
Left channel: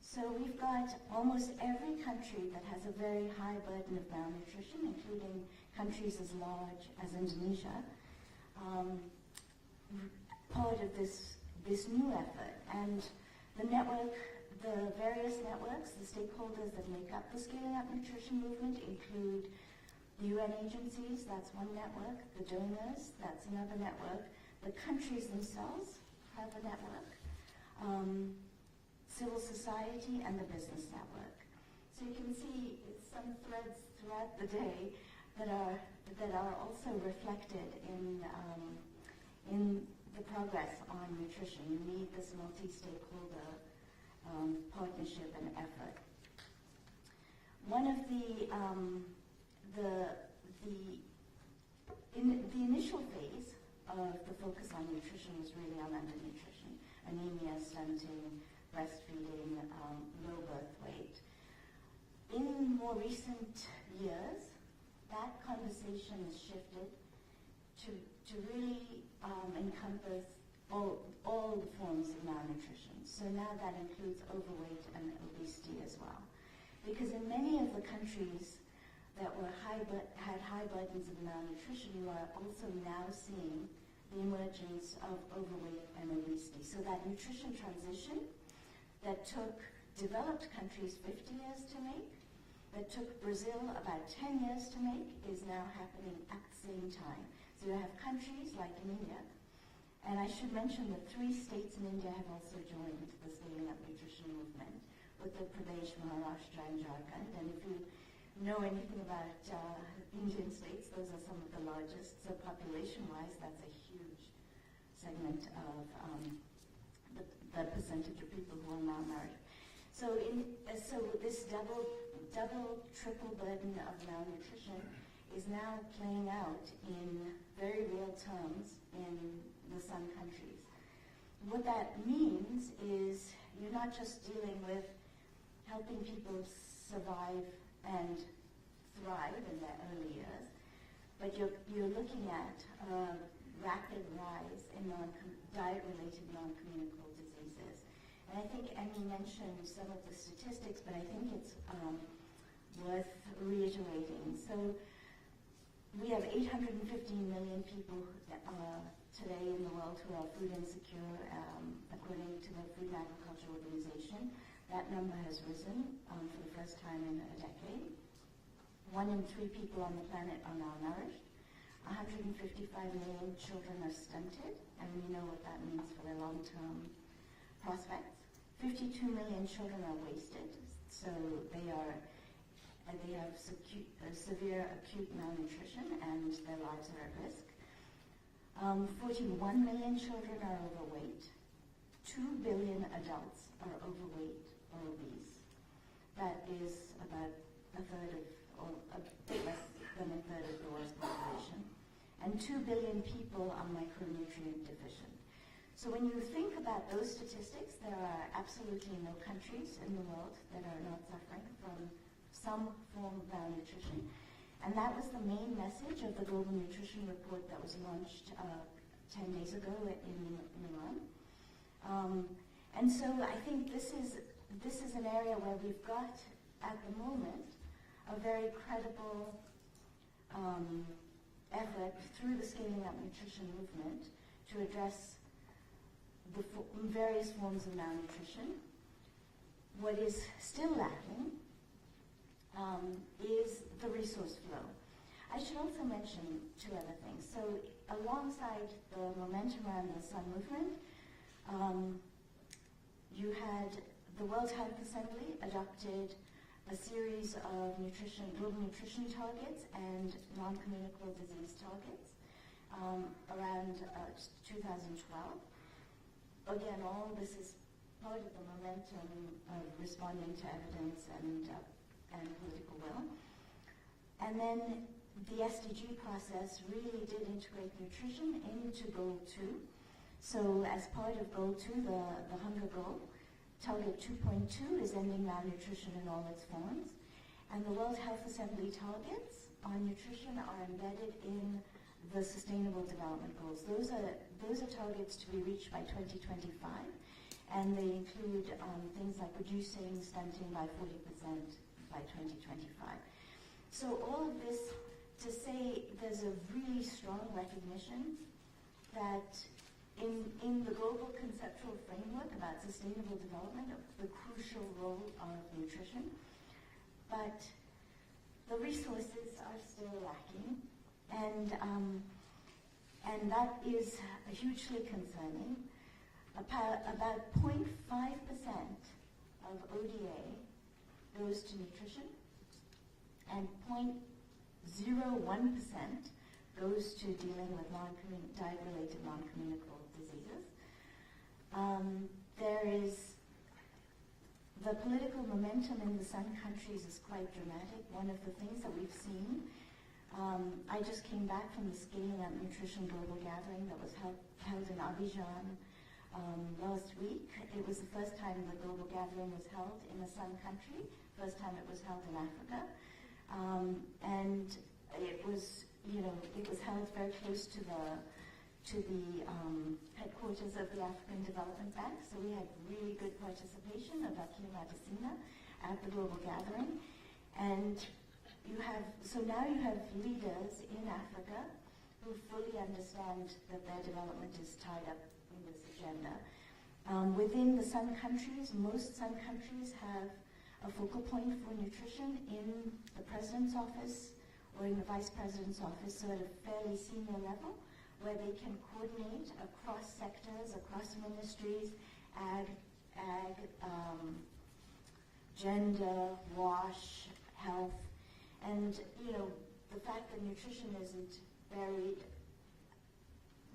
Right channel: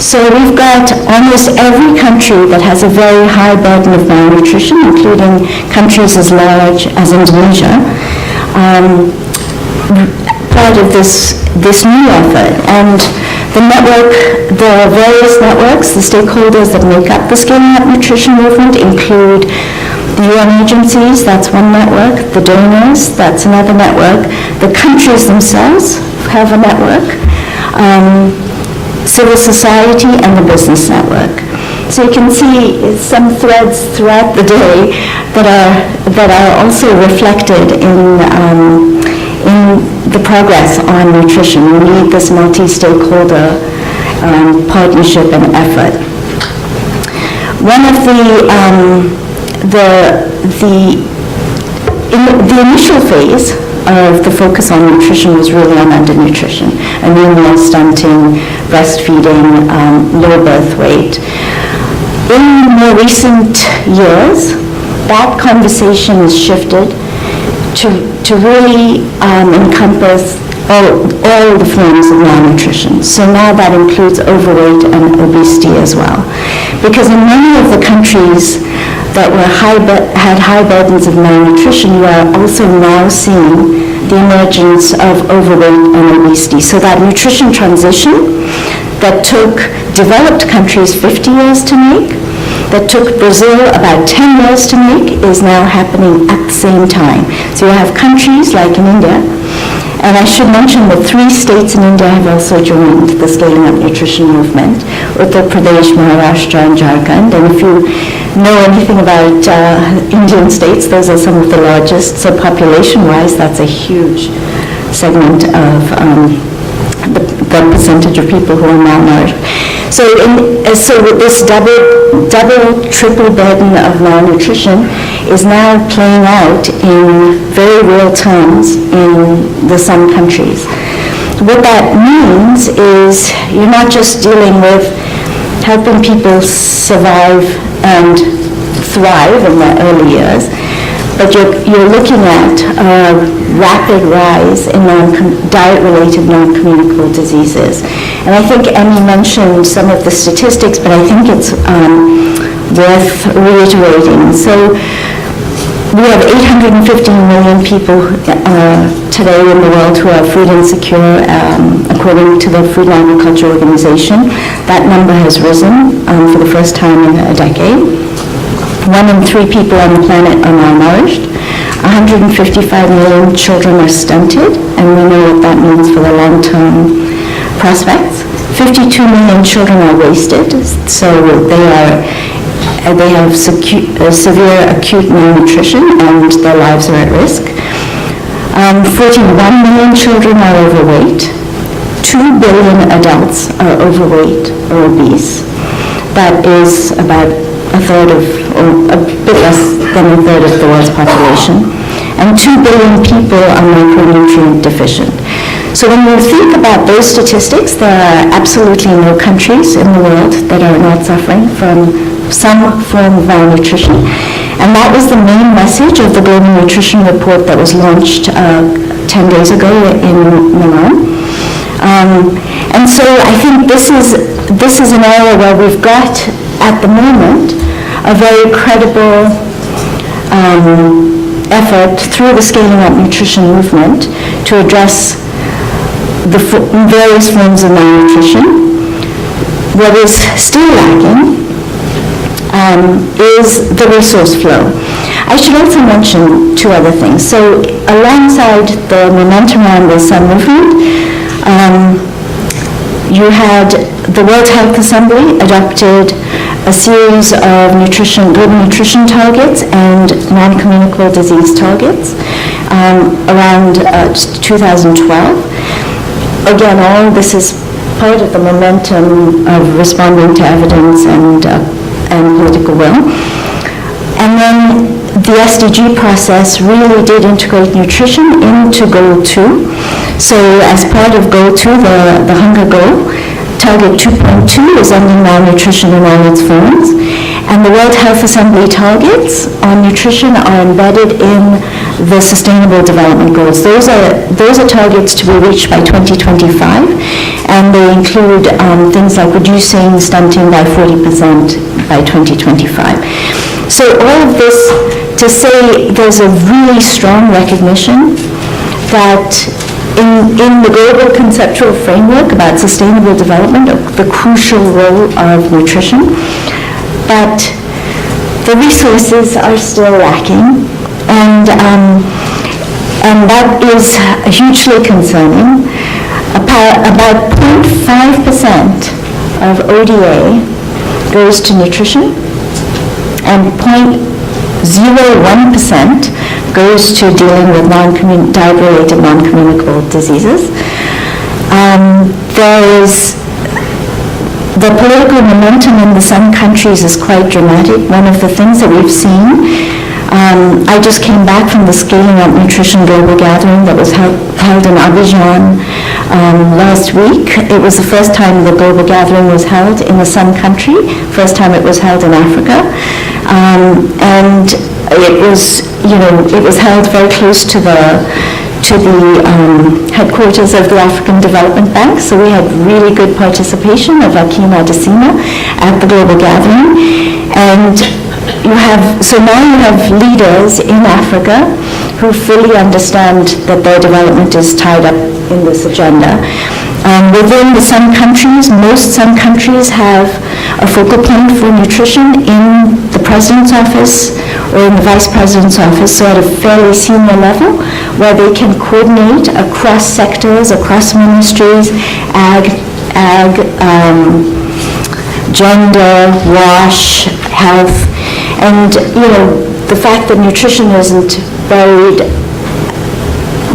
So we've got almost every country that has a very high burden of malnutrition, including countries as large as Indonesia, part of this new effort. And the various networks, the stakeholders that make up the Scaling Up Nutrition movement include the UN agencies, that's one network, the donors, that's another network, the countries themselves have a network, civil society, and the business network. So you can see some threads throughout the day that are also reflected in the progress on nutrition. We need this multi-stakeholder partnership and effort. One of the initial phase of the focus on nutrition was really on undernutrition, anemia, stunting, breastfeeding, low birth weight. In more recent years, that conversation has shifted to really encompass all the forms of malnutrition. So now that includes overweight and obesity as well. Because in many of the countries that had high burdens of malnutrition, you are also now seeing the emergence of overweight and obesity. So that nutrition transition that took developed countries 50 years to make, that took Brazil about 10 years to make, is now happening at the same time. So you have countries like in India, and I should mention that 3 states in India have also joined the Scaling Up Nutrition movement, Uttar Pradesh, Maharashtra, and Jharkhand. And if you know anything about Indian states, those are some of the largest. So population-wise, that's a huge segment of the percentage of people who are malnourished. So with this double, triple burden of malnutrition is now playing out in very real terms in some countries. What that means is you're not just dealing with helping people survive and thrive in their early years, but you're looking at a rapid rise in diet-related non-communicable diseases. And I think Emmy mentioned some of the statistics, but I think it's worth reiterating. So we have 815 million people today in the world who are food insecure, according to the Food and Agriculture Organization. That number has risen for the first time in a decade. 1 in 3 people on the planet are malnourished. 155 million children are stunted, and we know what that means for the long-term prospects. 52 million children are wasted, so they have severe acute malnutrition and their lives are at risk. 41 million children are overweight. 2 billion adults are overweight or obese. That is about a third of, or a bit less than a third of the world's population. And 2 billion people are micronutrient deficient. So when you think about those statistics, there are absolutely no countries in the world that are not suffering from some form of malnutrition. And that was the main message of the Global Nutrition Report that was launched 10 days ago in Milan. And so I think this is an area where we've got, at the moment, a very credible effort through the Scaling Up Nutrition movement to address the various forms of malnutrition. What is still lacking is the resource flow. I should also mention 2 other things. So alongside the momentum around the Sun movement, you had the World Health Assembly adopted a series of global nutrition targets and non-communicable disease targets around 2012. Again, all this is part of the momentum of responding to evidence and political will. And then the SDG process really did integrate nutrition into Goal 2. So as part of Goal 2, the hunger goal, Target 2.2 is ending malnutrition in all its forms. And the World Health Assembly targets on nutrition are embedded in the Sustainable Development Goals. Those are targets to be reached by 2025, and they include things like reducing stunting by 40% by 2025. So all of this to say there's a really strong recognition that in the global conceptual framework about sustainable development, of the crucial role of nutrition, but the resources are still lacking, and that is hugely concerning. About 0.5% of ODA goes to nutrition, and 0.01% goes to dealing with diet-related non-communicable diseases. There is the political momentum in some countries is quite dramatic. One of the things that we've seen, I just came back from the Scaling Up Nutrition Global Gathering that was held in Abidjan last week. It was the first time the global gathering was held in a Sun country, first time it was held in Africa. And it was held very close to the to the headquarters of the African Development Bank. So we had really good participation of Akim Adesina at the global gathering. And so now you have leaders in Africa who fully understand that their development is tied up in this agenda. Within the Sun countries, most Sun countries have a focal point for nutrition in the President's office or in the Vice President's office, so at a fairly senior level, where they can coordinate across sectors, across ministries, ag, gender, WASH, health, and the fact that nutrition isn't buried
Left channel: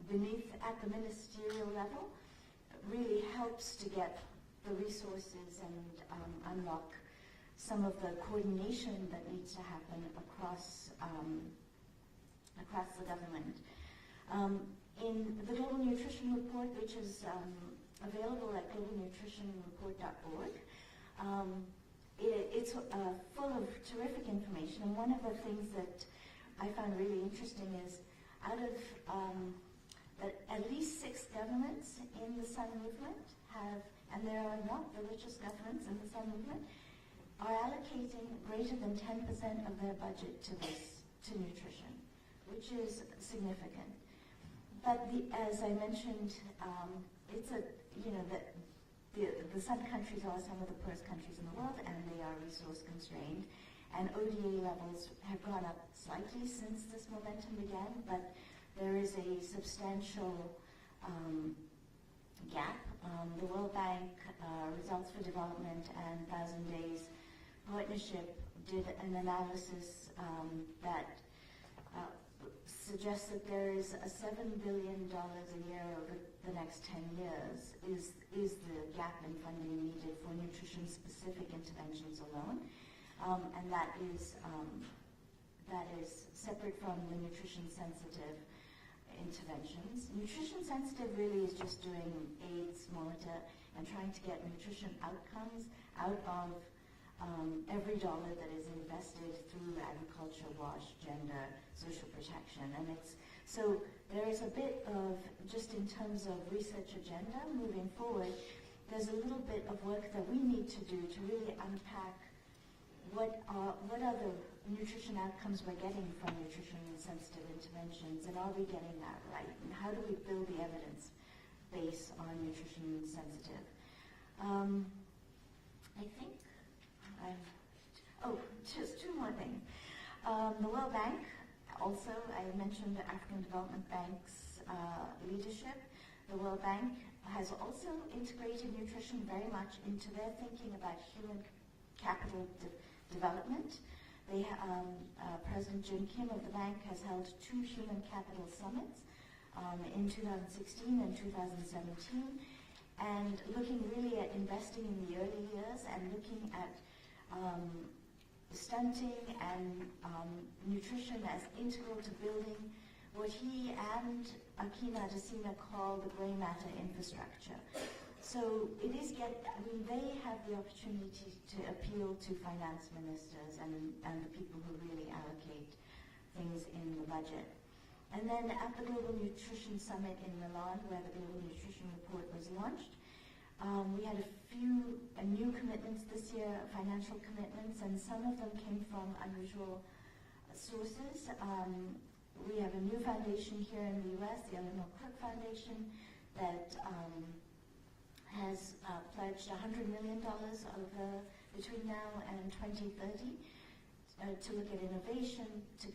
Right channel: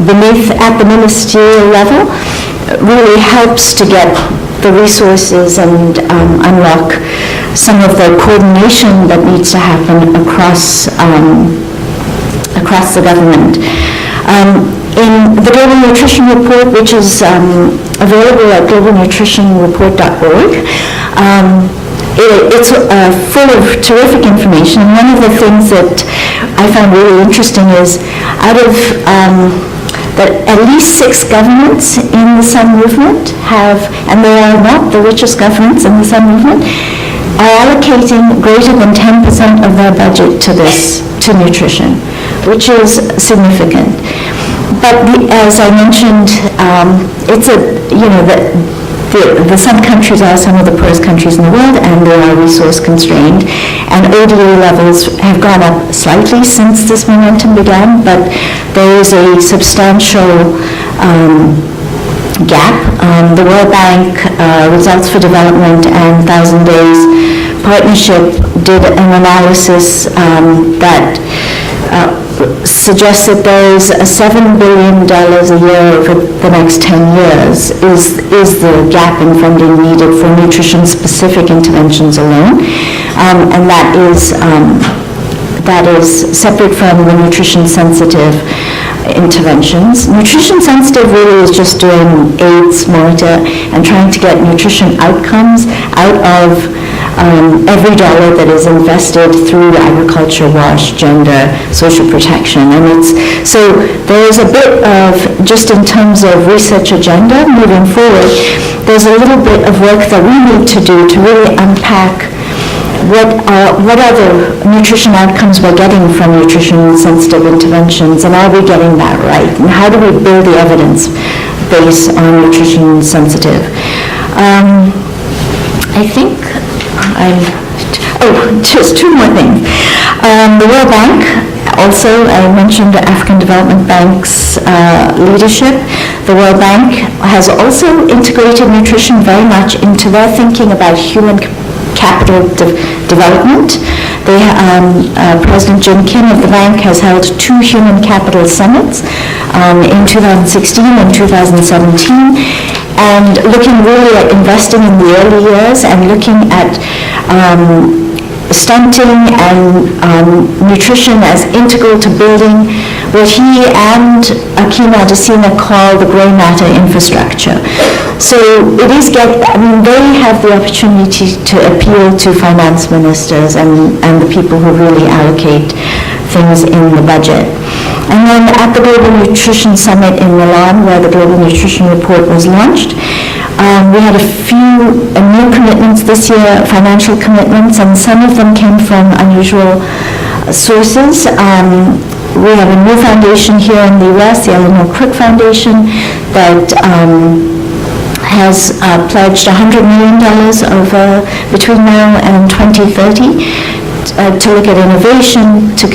beneath at the ministerial level really helps to get the resources and unlock some of the coordination that needs to happen across the government. In the Global Nutrition Report, which is available at globalnutritionreport.org, it's full of terrific information. And one of the things that I found really interesting is that at least 6 governments in the Sun movement have, and they are not the richest governments in the Sun movement, are allocating greater than 10% of their budget to nutrition, which is significant. But as I mentioned, the Sun countries are some of the poorest countries in the world, and they are resource constrained. And ODA levels have gone up slightly since this momentum began, but there is a substantial gap. The World Bank Results for Development and 1,000 Days Partnership did an analysis that suggests that there is a $7 billion a year over the next 10 years is the gap in funding needed for nutrition-specific interventions alone, and that is separate from the nutrition-sensitive interventions. Nutrition-sensitive really is just doing AIDS monitor and trying to get nutrition outcomes out of every dollar that is invested through agriculture, WASH, gender, social protection. And so there is a bit of, just in terms of research agenda moving forward, there's a little bit of work that we need to do to really unpack what are the nutrition outcomes we're getting from nutrition-sensitive interventions, and are we getting that right? And how do we build the evidence base on nutrition-sensitive? I think just 2 more things. The World Bank, also, I mentioned the African Development Bank's leadership. The World Bank has also integrated nutrition very much into their thinking about human capital development. President Jenkins of the bank has held 2 human capital summits in 2016 and 2017, and looking really at investing in the early years and looking at stunting and nutrition as integral to building what he and Akim Adesina call the grey matter infrastructure. So it is they have the opportunity to appeal to finance ministers and the people who really allocate things in the budget. And then at the Global Nutrition Summit in Milan, where the Global Nutrition Report was launched, we had a few new commitments this year, financial commitments, and some of them came from unusual sources. We have a new foundation here in the US, the Eleanor Crook Foundation, that has pledged $100 million over between now and 2030 to look at innovation, to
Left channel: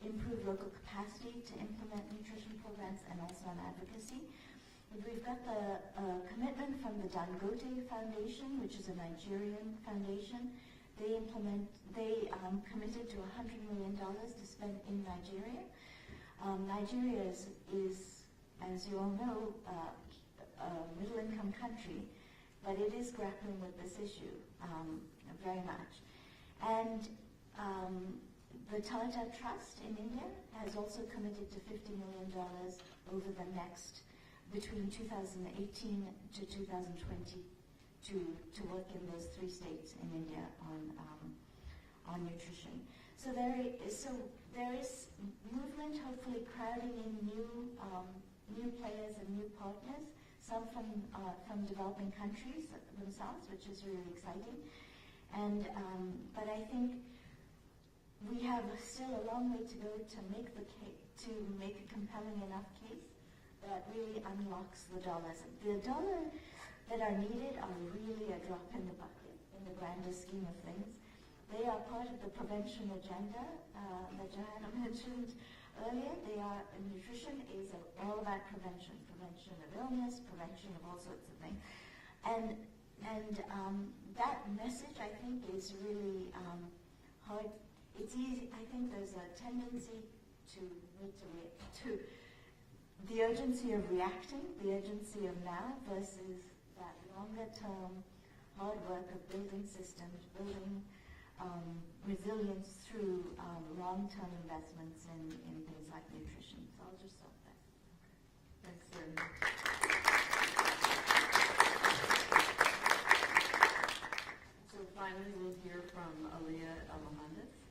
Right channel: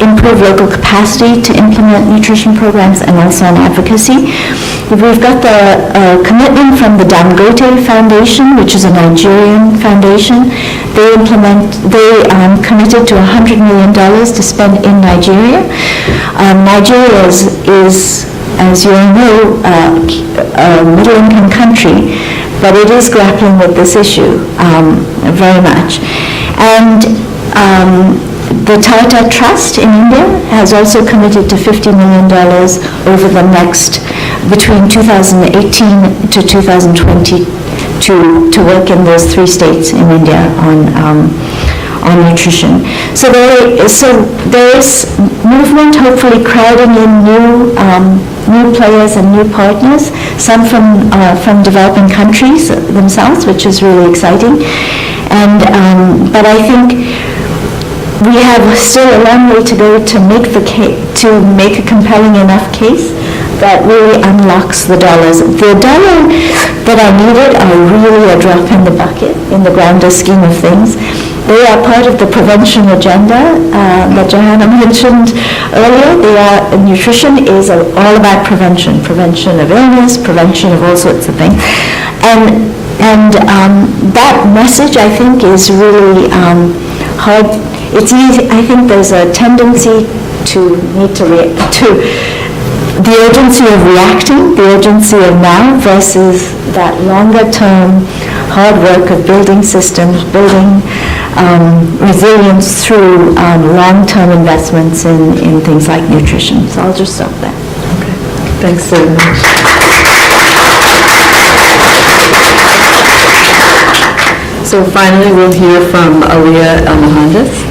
improve local capacity to implement nutrition programs, and also on advocacy. We've got the commitment from the Dangote Foundation, which is a Nigerian foundation. They committed to $100 million to spend in Nigeria. Nigeria is, as you all know, a middle-income country, but it is grappling with this issue very much. And the Tata Trust in India has also committed to $50 million over the next, between 2018 to 2020, to work in those 3 states in India on nutrition. So there is movement, hopefully crowding in new players and new partners, some from developing countries themselves, which is really exciting. And but I think we have still a long way to go to make a compelling enough case that really unlocks the dollars. The dollar that are needed are really a drop in the bucket in the grander scheme of things. They are part of the prevention agenda that Johanna mentioned earlier. Nutrition is all about prevention of illness, prevention of all sorts of things. And that message, I think, is really hard. It's easy. I think there's a tendency to need to the urgency of reacting, the urgency of now versus that longer term hard work of building systems, building resilience through long-term investments in things like nutrition. So I'll just stop there. Okay. Thanks very much. So finally, we'll hear from Alia and Mohandes.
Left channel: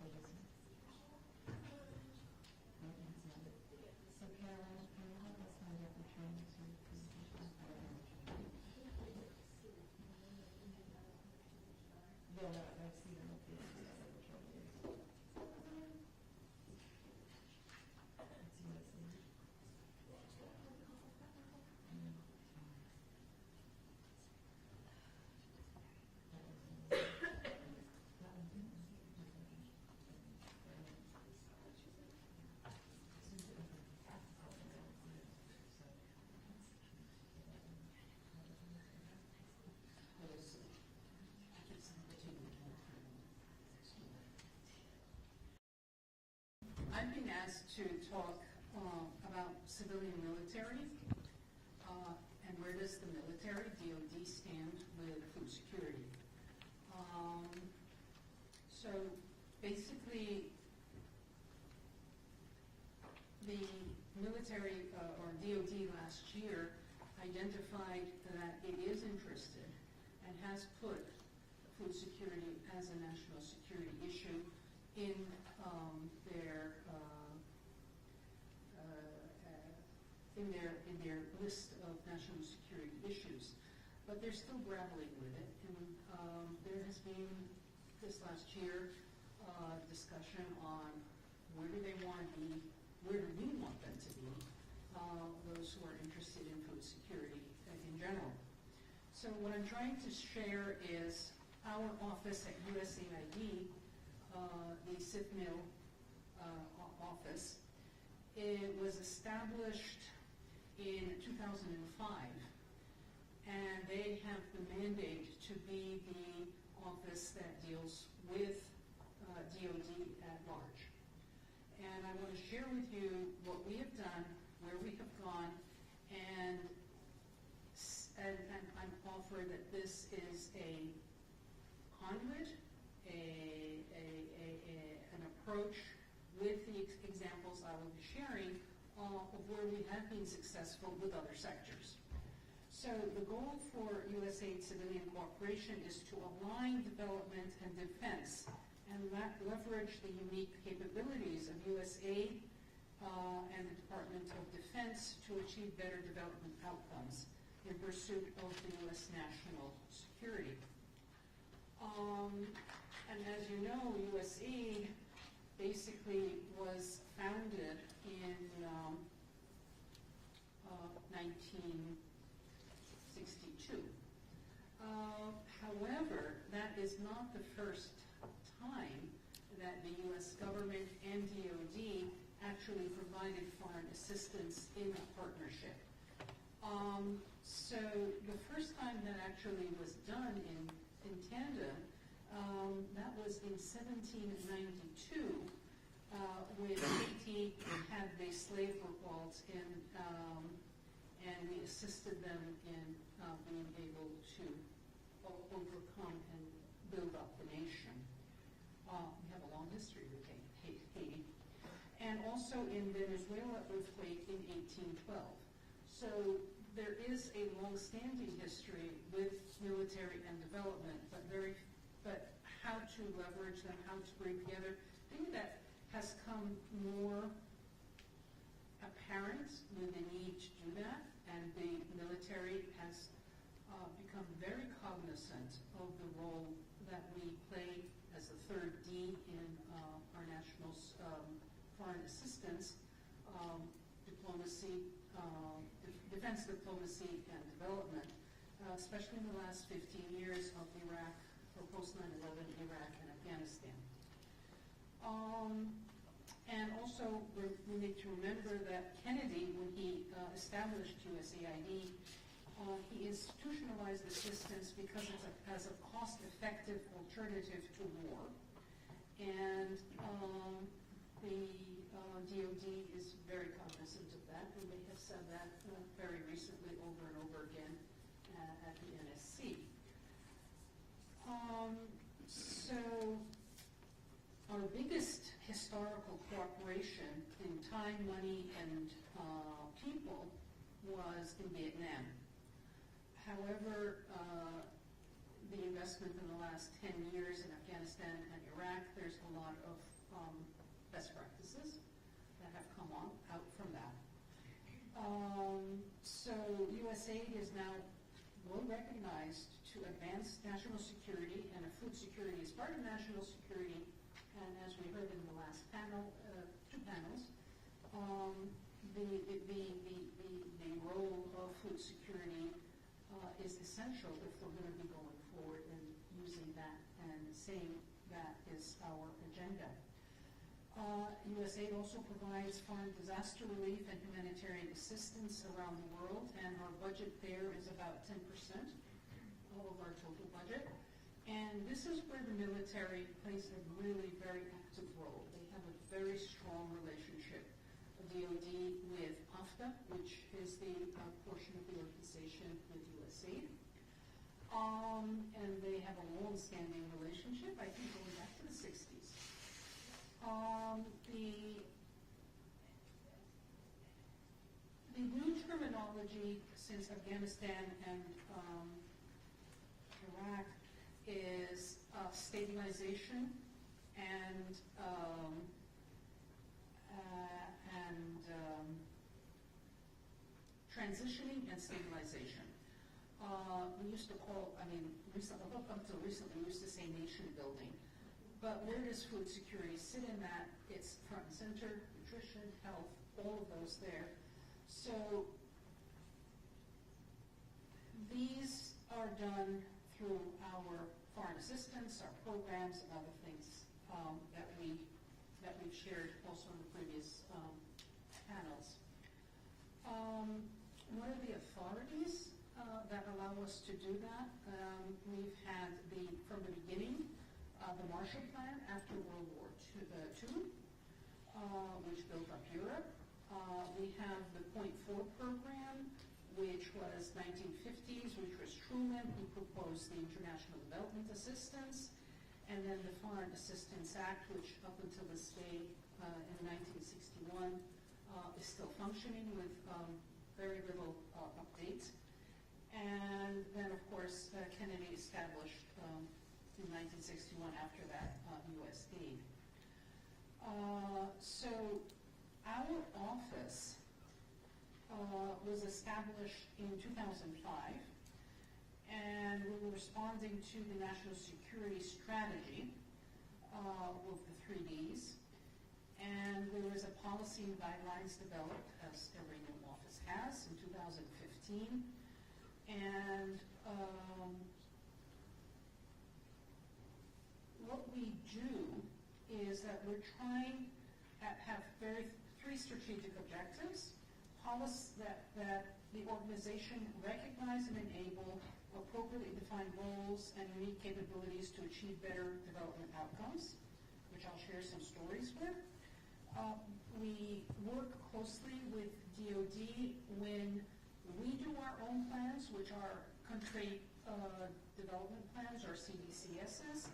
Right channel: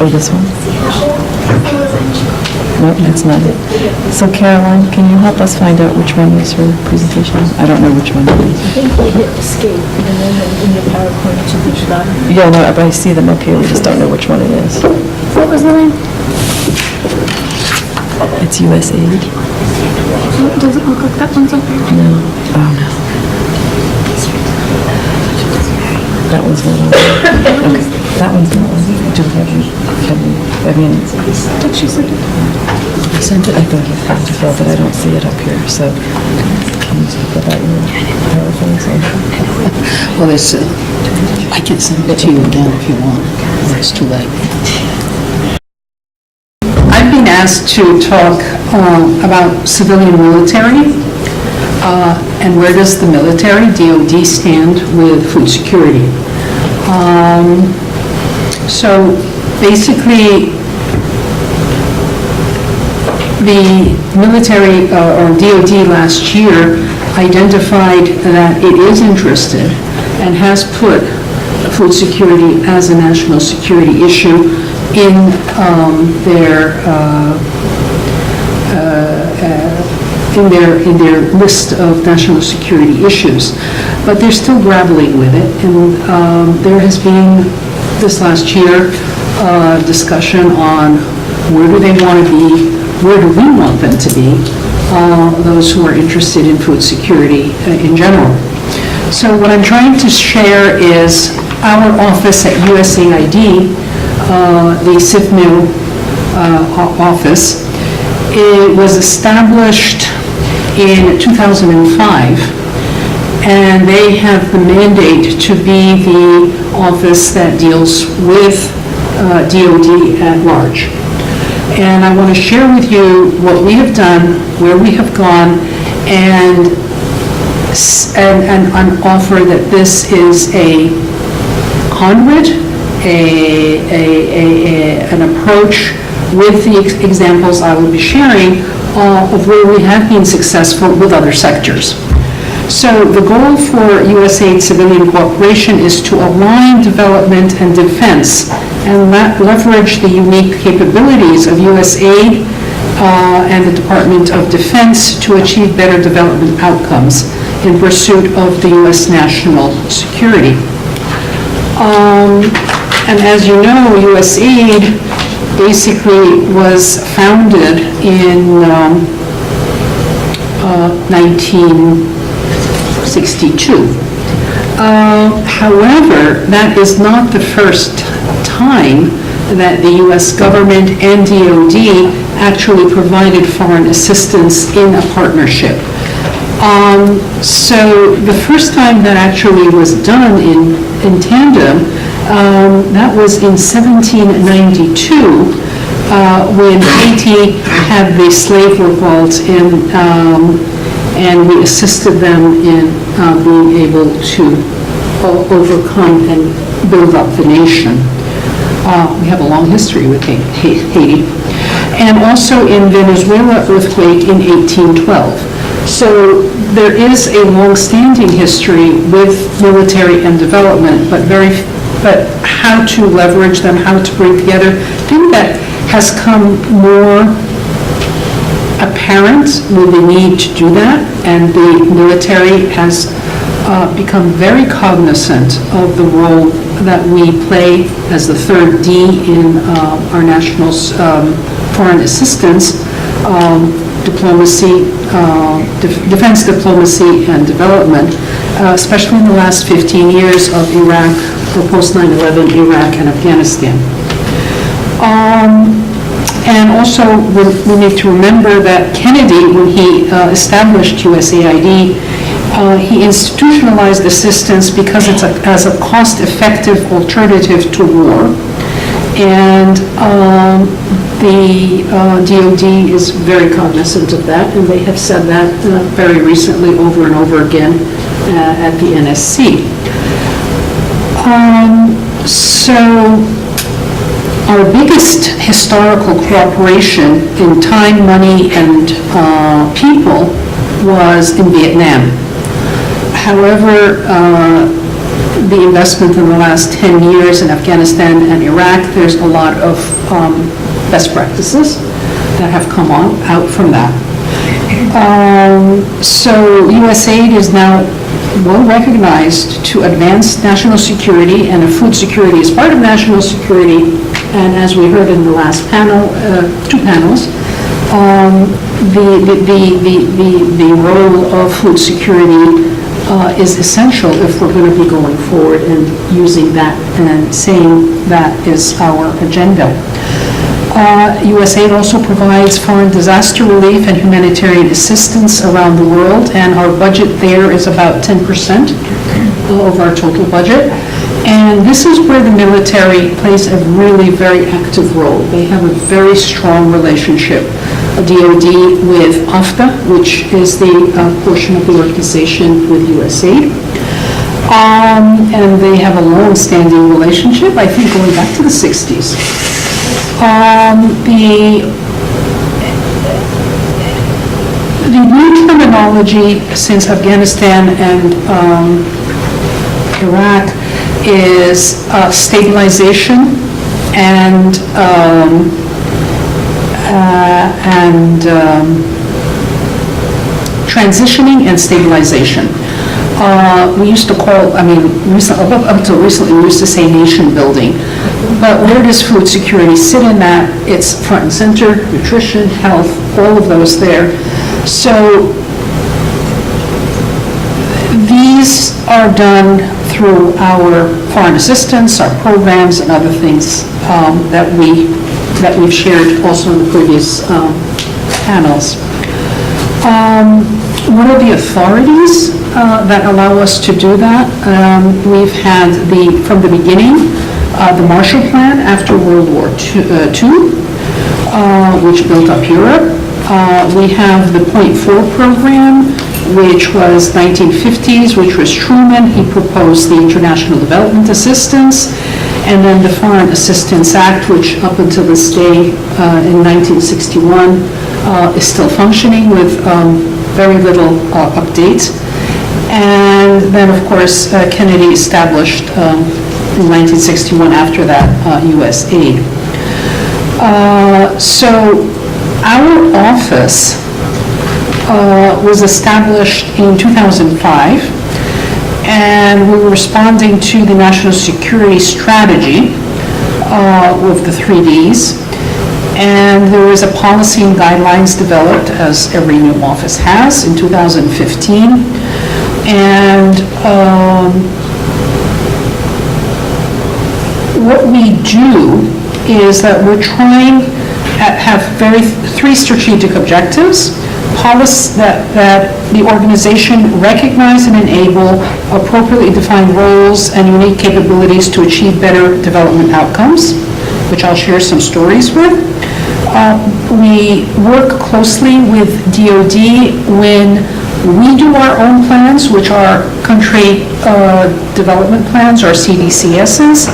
Oh, this one? No, that's not it. So Caroline, can you help us find out which one is her presentation? I don't know which one it is. I think you hit escape, and then in your PowerPoint you push that. Yeah, no, but I see them up here, we just don't know which one it is. What was the name? It's USAID? It doesn't look like that one's up here. No. Oh, no. That one's not on there. Okay, that one's not on there. Do we have, I mean, Did she send it? I sent it, I thought you had to fill, but I don't see it up here, so can you talk about your PowerPoint? Well, it's, I can send it to you again if you want, or it's too late. I've been asked to talk about civilian military, and where does the military, DOD, stand with food security. So basically, the military or DOD last year identified that it is interested and has put food security as a national security issue in their list of national security issues. But they're still grappling with it, and there has been this last year discussion on where do they want to be, where do we want them to be, those who are interested in food security in general. So what I'm trying to share is our office at USAID, the CIFMU office. It was established in 2005, and they have the mandate to be the office that deals with DOD at large. And I want to share with you what we have done, where we have gone, and offer that this is a conduit, an approach with the examples I will be sharing of where we have been successful with other sectors. So the goal for USAID civilian cooperation is to align development and defense and leverage the unique capabilities of USAID and the Department of Defense to achieve better development outcomes in pursuit of the U.S. national security. And as you know, USAID basically was founded in 1962. However, that is not the first time that the U.S. government and DOD actually provided foreign assistance in a partnership. So the first time that actually was done in tandem, that was in 1792, when Haiti had the slave revolt, and we assisted them in being able to overcome and build up the nation. We have a long history with Haiti. And also in Venezuela earthquake in 1812. So there is a long-standing history with military and development, but how to leverage them, how to bring together. I think that has come more apparent with the need to do that, and the military has become very cognizant of the role that we play as the third D in our national foreign assistance, diplomacy, defense diplomacy and development, especially in the last 15 years of Iraq, or post 9/11 Iraq and Afghanistan. And also, we need to remember that Kennedy, when he established USAID, he institutionalized assistance because it's as a cost-effective alternative to war. And the DOD is very cognizant of that, and they have said that very recently over and over again at the NSC. So our biggest historical cooperation in time, money, and people was in Vietnam. However, the investment in the last 10 years in Afghanistan and Iraq, there's a lot of best practices that have come out from that. So USAID is now well recognized to advance national security, and food security is part of national security. And as we heard in the last panel, two panels, the role of food security is essential if we're going to be going forward and using that and saying that is our agenda. USAID also provides foreign disaster relief and humanitarian assistance around the world, and our budget there is about 10% of our total budget. And this is where the military plays a really very active role. They have a very strong relationship, DOD with AFTA, which is the portion of the organization with USAID. And they have a long-standing relationship, I think going back to the 60s. The new terminology since Afghanistan and Iraq is stabilization and transitioning and stabilization. We used to call, up until recently, we used to say nation building. But where does food security sit in that? It's front and center, nutrition, health, all of those there. So these are done through our foreign assistance, our programs, and other things that we've shared also in the previous panels. What are the authorities that allow us to do that? We've had from the beginning, the Marshall Plan after World War II, which built up Europe. We have the .4 program, which was 1950s, which was Truman. He proposed the International Development Assistance, and then the Foreign Assistance Act, which up until this day in 1961 is still functioning with very little updates. And then, of course, Kennedy established in 1961 after that USAID. So our office was established in 2005, and we were responding to the national security strategy with the 3 Ds. And there was a policy and guidelines developed, as every new office has, in 2015. And what we do is that we're trying have three strategic objectives. Policy that the organization recognize and enable appropriately defined roles and unique capabilities to achieve better development outcomes, which I'll share some stories with. We work closely with DoD when we do our own plans, which are country development plans, or CDCSs,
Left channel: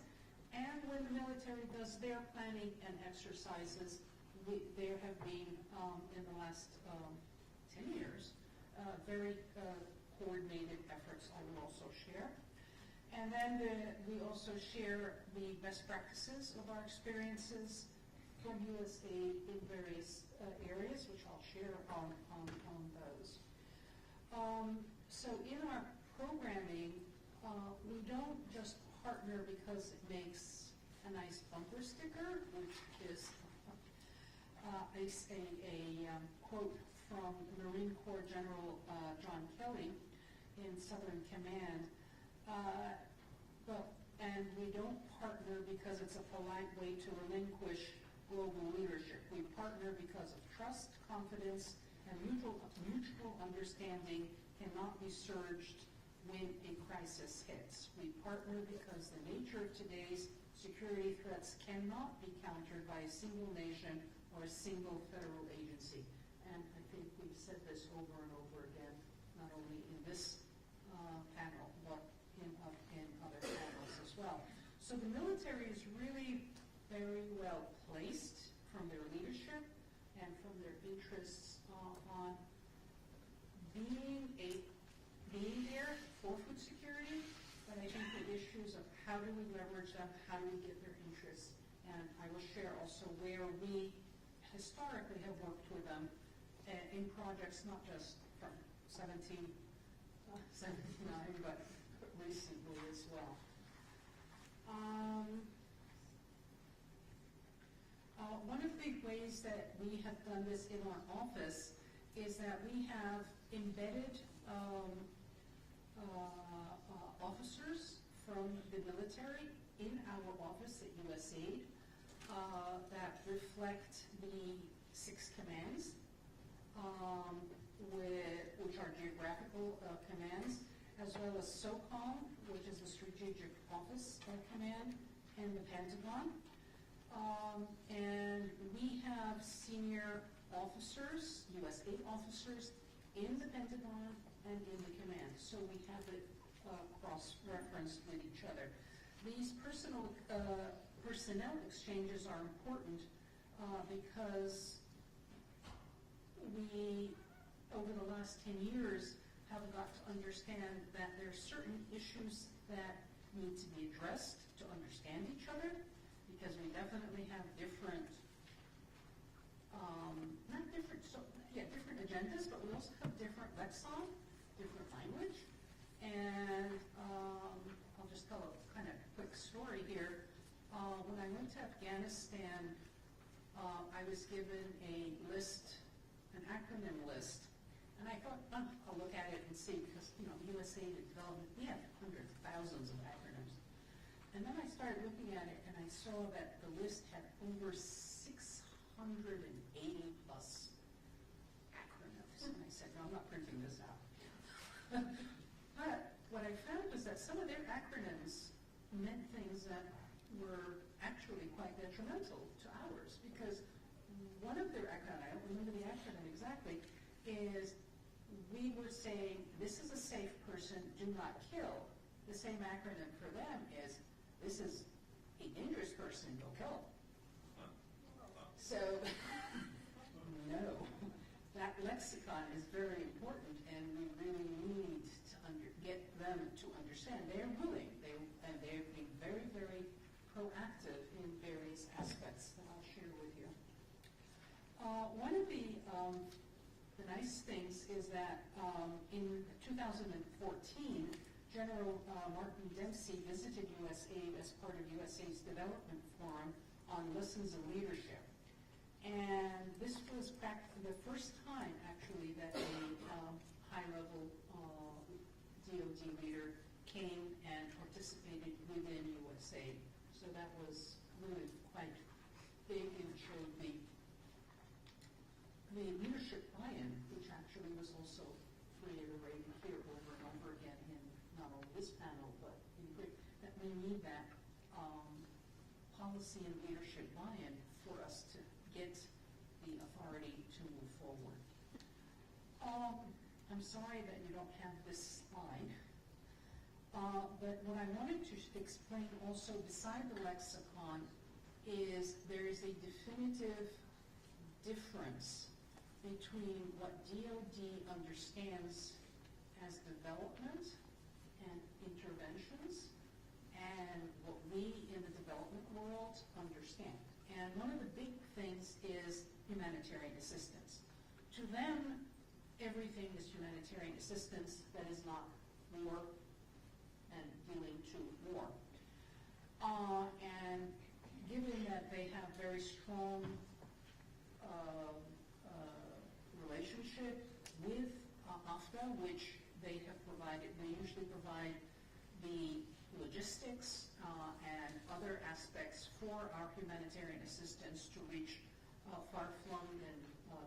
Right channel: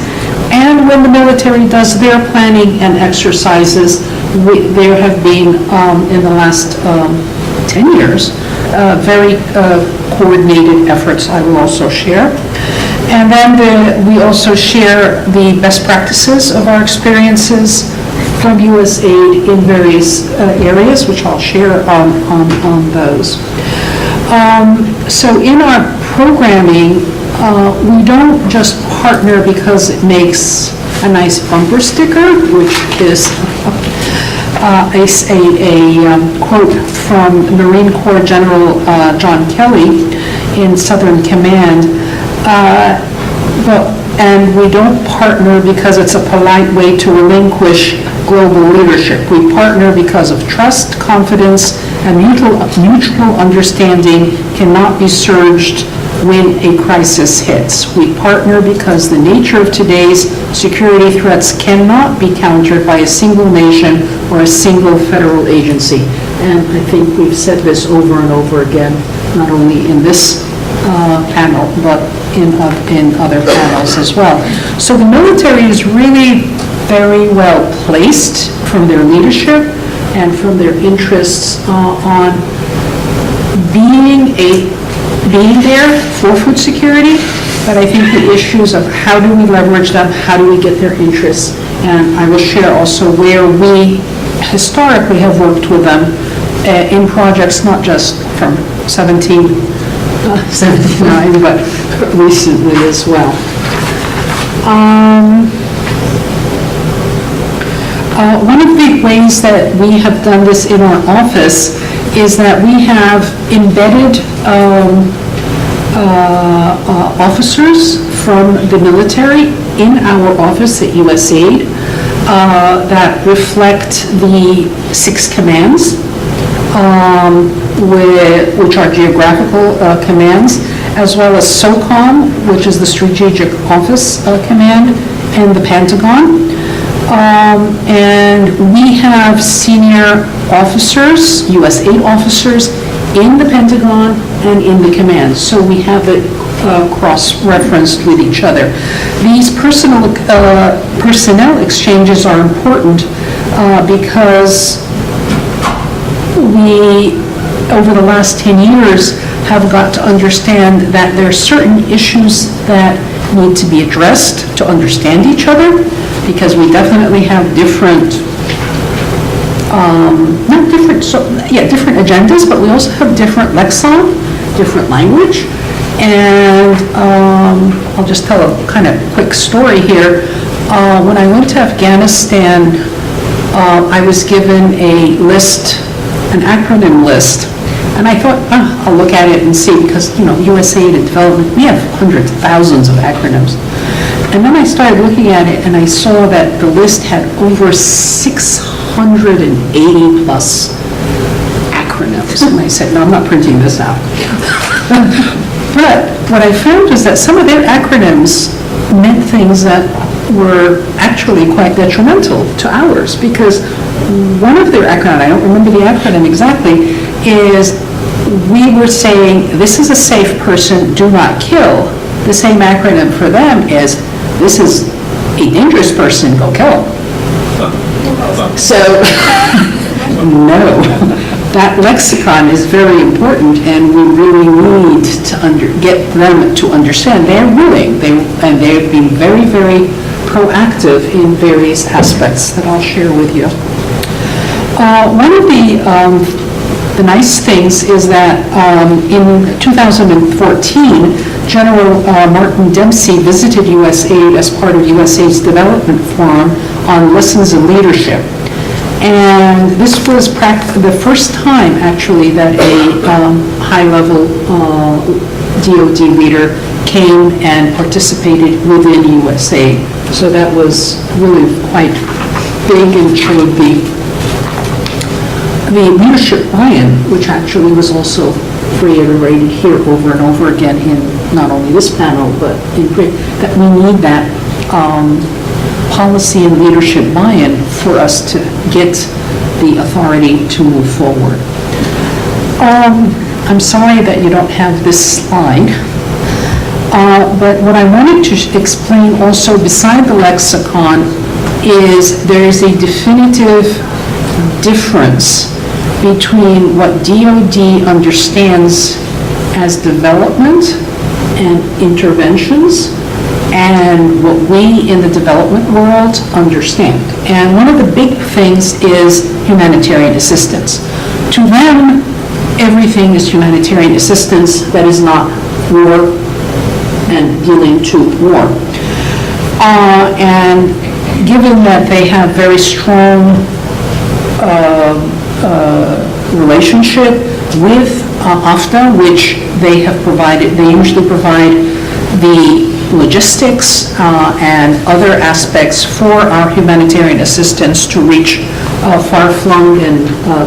and when the military does their planning and exercises. There have been, in the last 10 years, very coordinated efforts I will also share. And then we also share the best practices of our experiences from USAID in various areas, which I'll share on those. So in our programming, we don't just partner because it makes a nice bumper sticker, which is a quote from Marine Corps General John Kelly in Southern Command. And we don't partner because it's a polite way to relinquish global leadership. We partner because of trust, confidence, and mutual understanding cannot be surged when a crisis hits. We partner because the nature of today's security threats cannot be countered by a single nation or a single federal agency. And I think we've said this over and over again, not only in this panel, but in other panels as well. So the military is really very well placed from their leadership and from their interests on being there for food security, but I think the issues of how do we leverage them, how do we get their interests, and I will share also where we historically have worked with them in projects not just from 1779, but recently as well. One of the ways that we have done this in our office is that we have embedded officers from the military in our office at USAID that reflect the 6 commands, which are geographical commands, as well as SOCOM, which is the Strategic Office Command, and the Pentagon. And we have senior officers, USAID officers, in the Pentagon and in the command. So we have it cross-referenced with each other. These personnel exchanges are important because we, over the last 10 years, have got to understand that there are certain issues that need to be addressed to understand each other, because we definitely have different different agendas, but we also have different lexicon, different language. And I'll just tell a kind of quick story here. When I went to Afghanistan, I was given a list, an acronym list, and I thought, I'll look at it and see, because, USAID and development, we have hundreds, thousands of acronyms. And then I started looking at it, and I saw that the list had over 680 plus acronyms. And I said, no, I'm not printing this out. But what I found was that some of their acronyms meant things that were actually quite detrimental to ours, because one of their acronyms, I don't remember the acronym exactly, is we were saying, this is a safe person, do not kill. The same acronym for them is, this is a dangerous person, go kill him. So, no, that lexicon is very important, and we really need to get them to understand. They're willing, and they've been very, very proactive in various aspects that I'll share with you. One of the nice things is that in 2014, General Martin Dempsey visited USAID as part of USAID's Development Forum on Lessons in Leadership. And this was the first time, actually, that a high-level DoD leader came and participated within USAID. So that was really quite big and showed the leadership buy-in, which actually was also reiterated here over and over again in not only this panel, but in that we need that policy and leadership buy-in for us to get the authority to move forward. I'm sorry that you don't have this slide, but what I wanted to explain also beside the lexicon is there is a definitive difference between what DoD understands as development and interventions and what we in the development world understand. And one of the big things is humanitarian assistance. To them, everything is humanitarian assistance that is not war and dealing to war. And given that they have very strong relationship with AFTA, which they have provided, they usually provide the logistics and other aspects for our humanitarian assistance to reach far-flung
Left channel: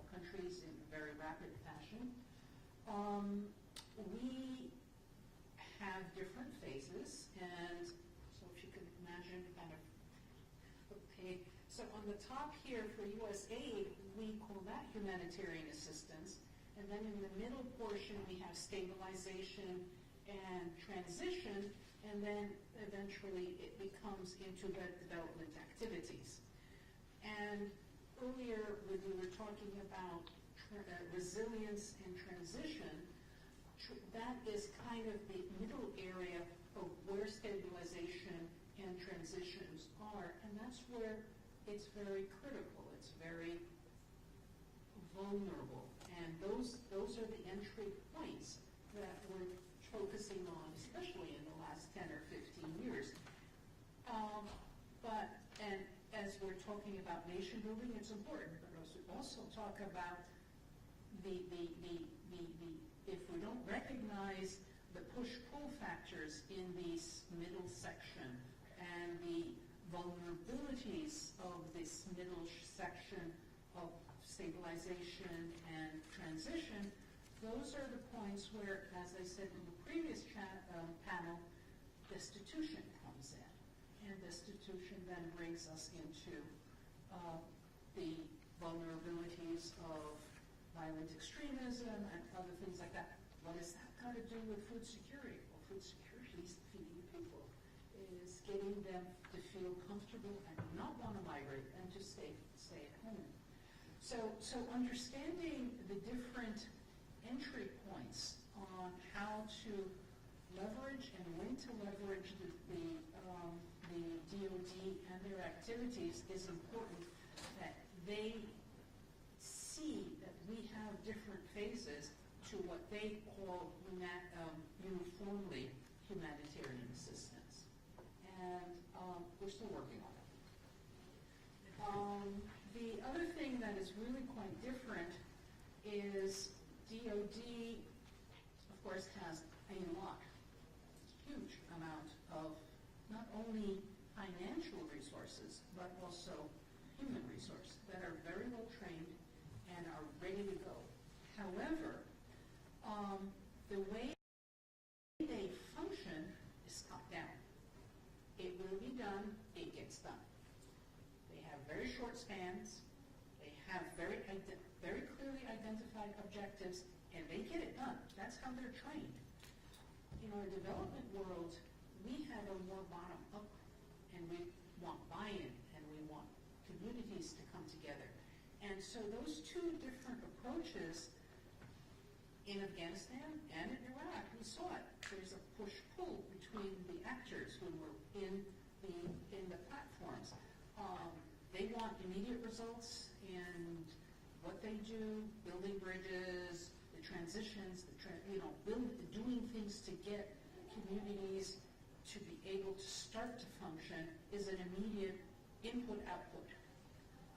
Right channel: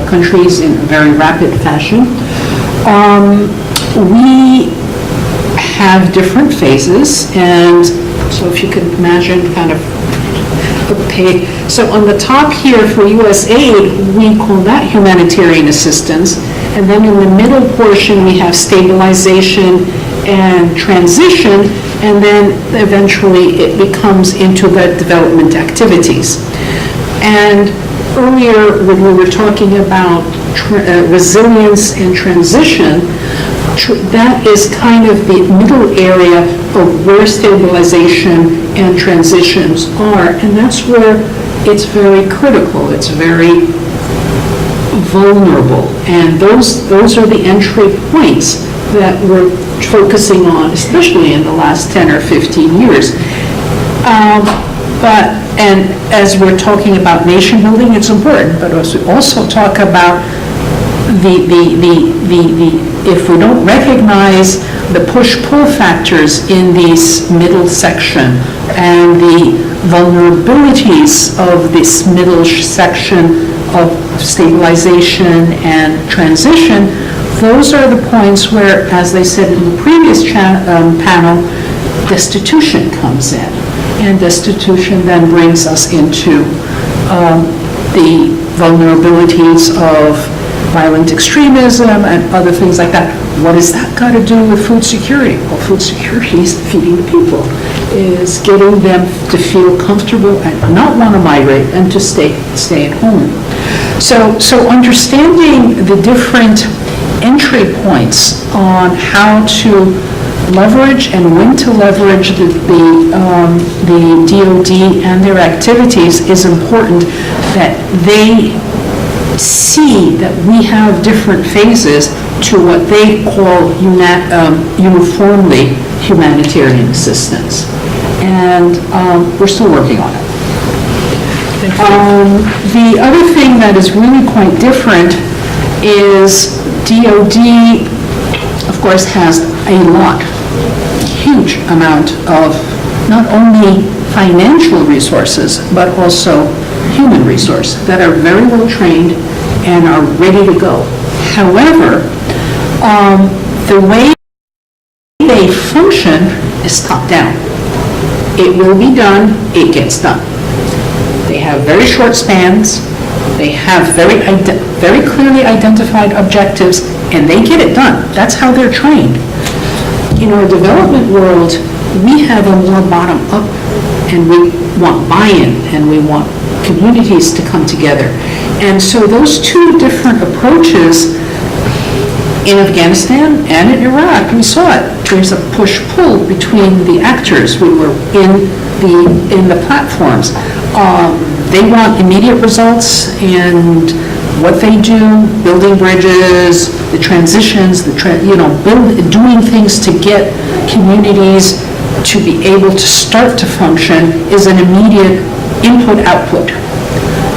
countries in a very rapid fashion. We have different phases, and so if you can imagine kind of okay. So on the top here for USAID, we call that humanitarian assistance, and then in the middle portion we have stabilization and transition, and then eventually it becomes into the development activities. And earlier when we were talking about resilience and transition, that is kind of the middle area of where stabilization and transitions are, and that's where it's very critical, it's very vulnerable, and those are the entry points that we're focusing on, especially in the last 10 or 15 years. And as we're talking about nation building, it's important, but as we also talk about if we don't recognize the push-pull factors in this middle section and the vulnerabilities of this middle section of stabilization and transition, those are the points where, as they said in the previous panel, destitution comes in. And destitution then brings us into the vulnerabilities of violent extremism and other things like that. What has that got to do with food security? Well, food security is feeding the people, is getting them to feel comfortable and not want to migrate and to stay at home. So understanding the different entry points on how to leverage and when to leverage the DoD and their activities is important, that they see that we have different phases to what they call uniformly humanitarian assistance. And we're still working on it. The other thing that is really quite different is DoD, of course, has a lot, huge amount of not only financial resources, but also human resources that are very well trained and are ready to go. However, the way they function is top down. It will be done, it gets done. They have very short spans, they have very clearly identified objectives, and they get it done. That's how they're trained. In our development world, we have a more bottom-up, and we want buy-in, and we want communities to come together. And so those two different approaches in Afghanistan and in Iraq, we saw it. There's a push-pull between the actors. We were in the platforms. They want immediate results, and what they do, building bridges, the transitions, doing things to get communities to be able to start to function is an immediate input-output.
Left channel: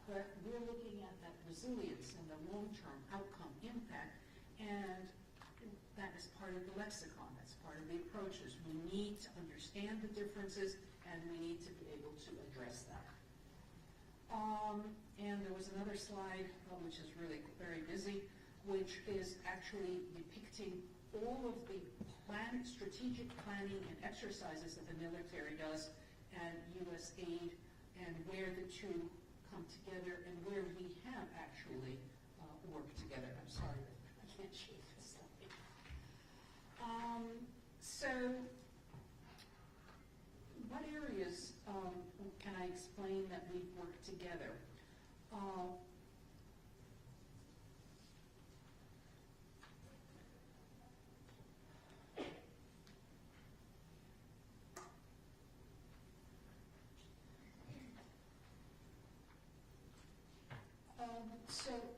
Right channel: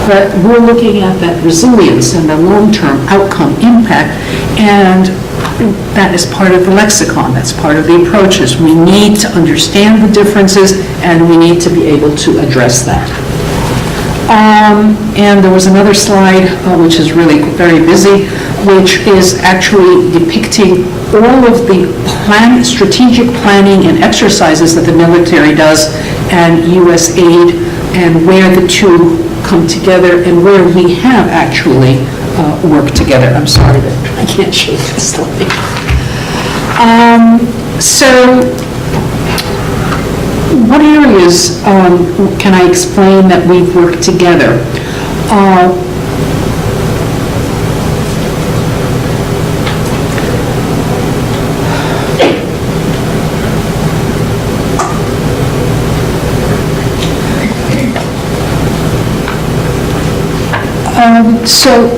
But we're looking at that resilience and the long-term outcome impact, and that is part of the lexicon, that's part of the approaches. We need to understand the differences, and we need to be able to address that. And there was another slide, which is really very busy, which is actually depicting all of the strategic planning and exercises that the military does, and USAID, and where the two come together, and where we have actually worked together. I'm sorry that I can't show this slide. So, what areas can I explain that we've worked together? So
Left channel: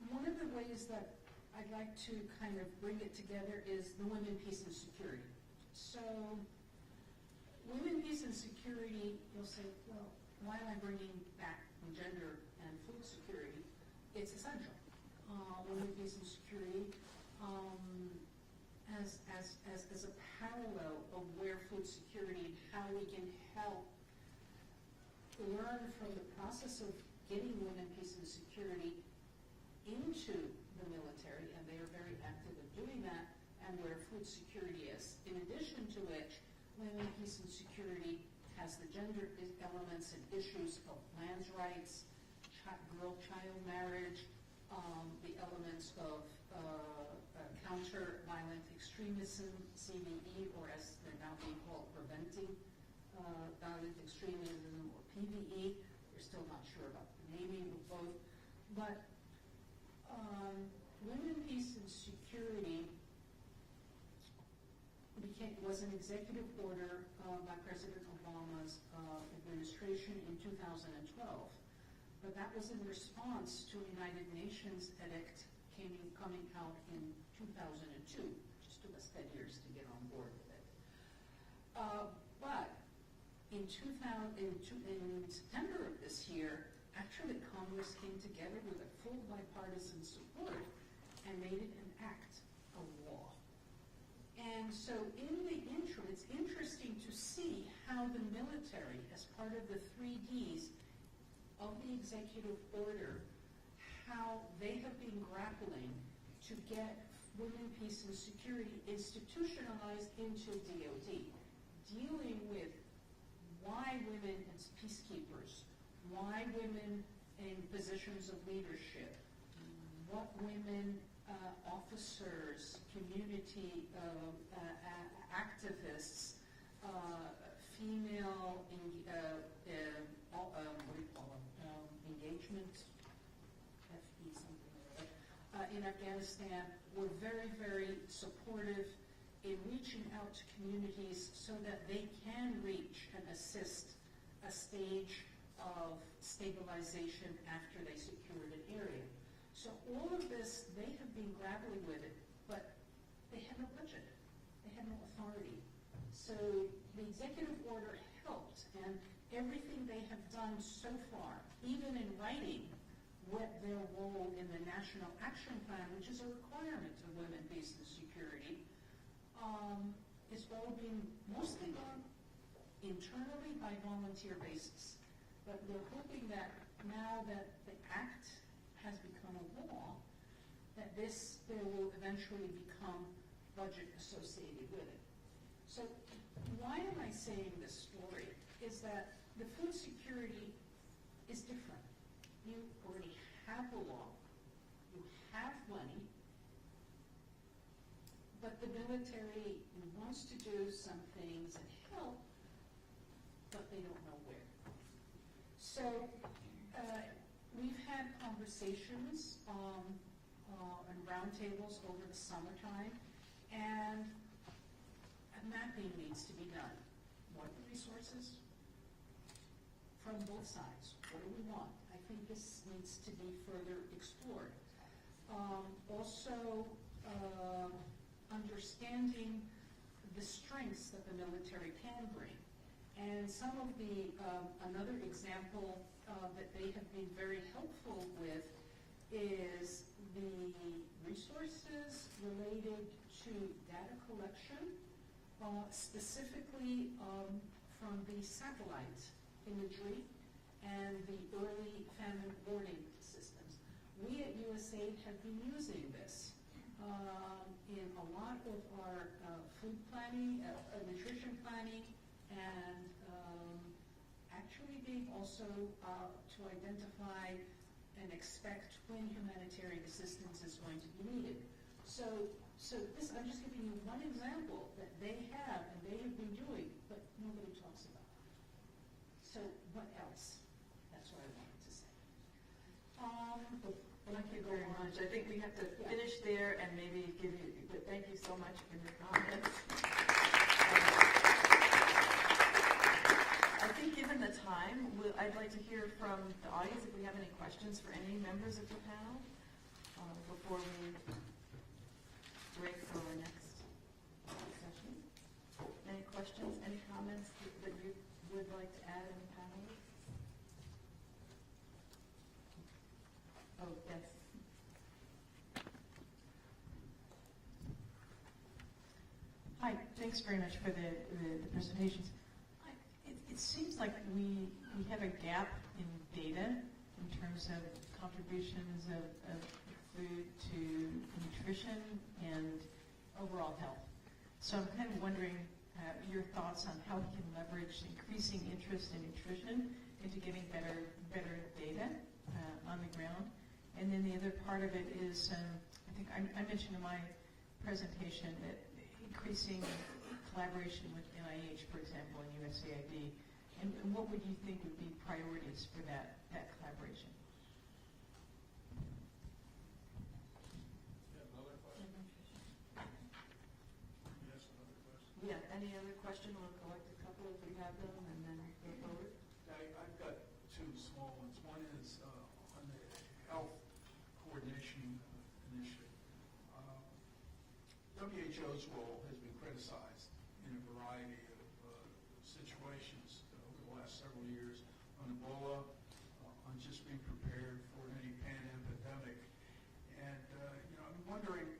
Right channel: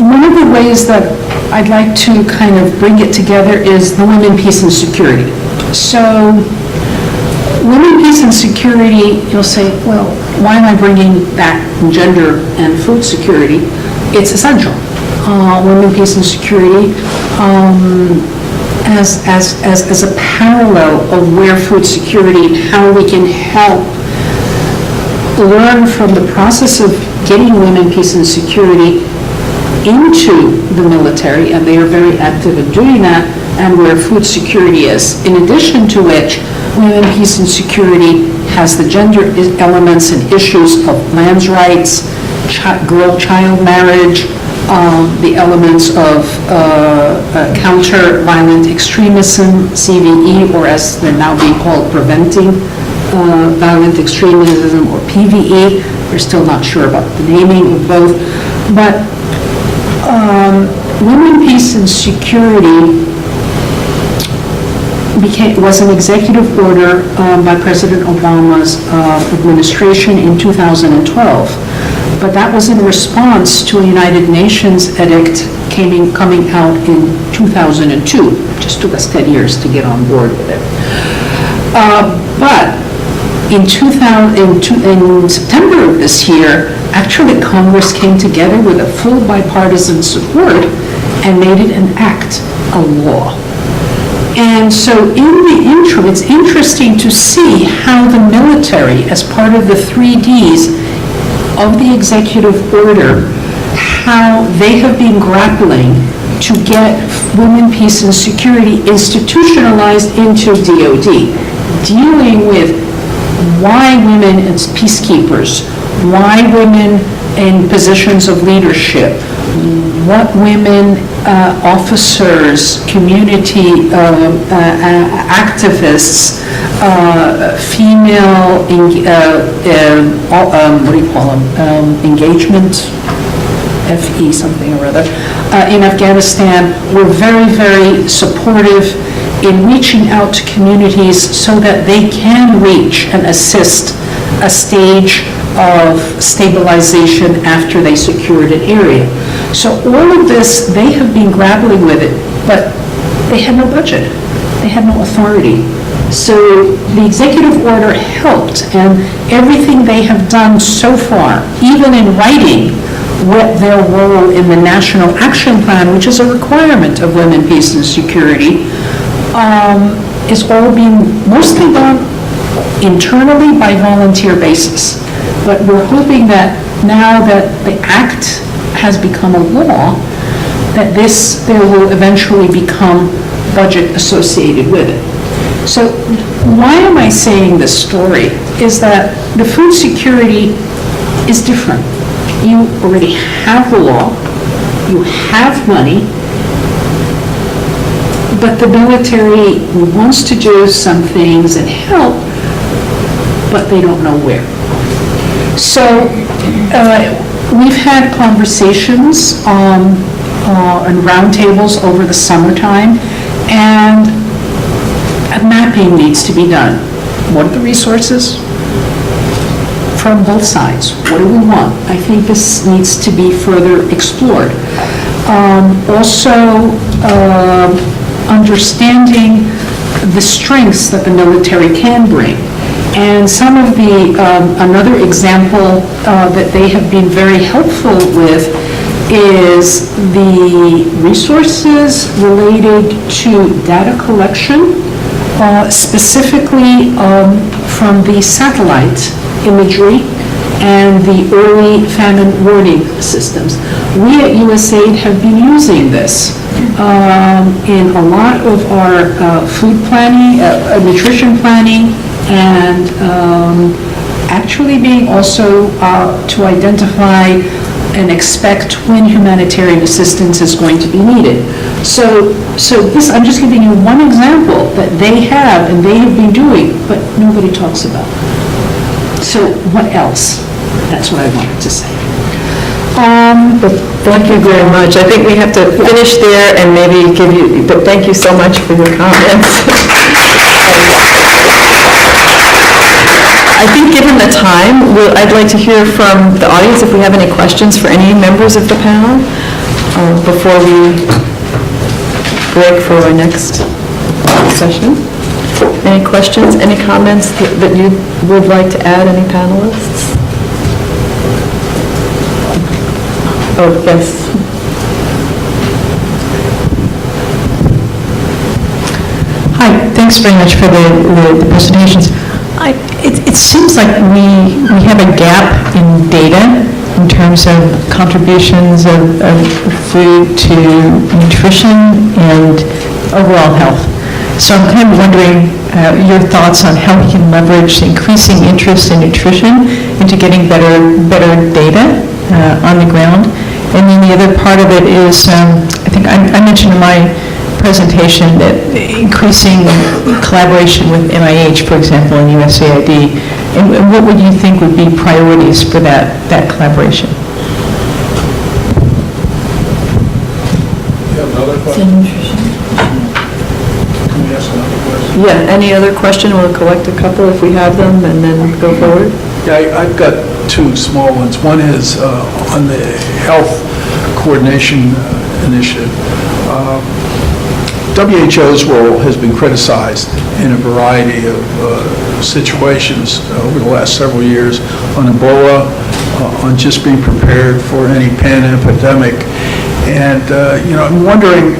one of the ways that I'd like to kind of bring it together is the women, peace, and security. So women, peace, and security, you'll say, well, why am I bringing that gender and food security? It's essential. Women, peace, and security as a parallel of where food security, how we can help learn from the process of getting women, peace, and security into the military, and they are very active in doing that, and where food security is. In addition to which, women, peace, and security has the gender elements and issues of lands rights, girl-child marriage, the elements of counter-violent extremism, CVE, or as they're now being called, preventing violent extremism, or PVE. We're still not sure about the naming of both. But women, peace, and security was an executive order by President Obama's administration in 2012. But that was in response to a United Nations edict coming out in 2002. It just took us 10 years to get on board with it. But in September of this year, actually Congress came together with a full bipartisan support and made it an act, a law. And so in the interim, it's interesting to see how the military, as part of the 3 Ds of the executive order, how they have been grappling to get women, peace, and security institutionalized into DOD, dealing with why women as peacekeepers, why women in positions of leadership, what women officers, community activists, female, engagement, FE something or other, in Afghanistan were very, very supportive in reaching out to communities so that they can reach and assist a stage of stabilization after they secured an area. So all of this, they have been grappling with it, but they had no budget. They had no authority. So the executive order helped, and everything they have done so far, even in writing what their role in the National Action Plan, which is a requirement of women, peace, and security, is all being mostly done internally by volunteer basis. But we're hoping that now that the act has become a law, that there will eventually become budget associated with it. So why am I saying this story? Is that the food security is different. You already have the law, you have money, but the military wants to do some things and help, but they don't know where. So we've had conversations and roundtables over the summertime, and a mapping needs to be done. What are the resources? From both sides. What do we want? I think this needs to be further explored. Also, understanding the strengths that the military can bring. And some of the, another example that they have been very helpful with is the resources related to data collection, specifically from the satellite imagery and the early famine warning systems. We at USAID have been using this in a lot of our food planning, nutrition planning, and actually being also to identify and expect when humanitarian assistance is going to be needed. So this, I'm just giving you one example that they have and they have been doing, but nobody talks about. So what else? That's what I wanted to say. Thank you very much. I think we have to finish there and maybe give you, but thank you so much for your comments. I think given the time, I'd like to hear from the audience if we have any questions for any members of the panel before we break for our next session. Any questions, any comments that you would like to add, any panelists? Oh, yes. Hi, thanks very much for the presentations. It seems like we have a gap in data in terms of contributions of food to nutrition and overall health. So I'm kind of wondering your thoughts on how we can leverage increasing interest in nutrition into getting better data on the ground. And then the other part of it is, I think I mentioned in my presentation that increasing collaboration with NIH, for example, and USAID, and what would you think would be priorities for that collaboration? You have another question? Can we ask another question? Yeah, any other question? We'll collect a couple if we have them and then go forward. Yeah, I've got two small ones. One is on the health coordination initiative. WHO's role has been criticized in a variety of situations over the last several years on Ebola, on just being prepared for any pan-epidemic. And, I'm wondering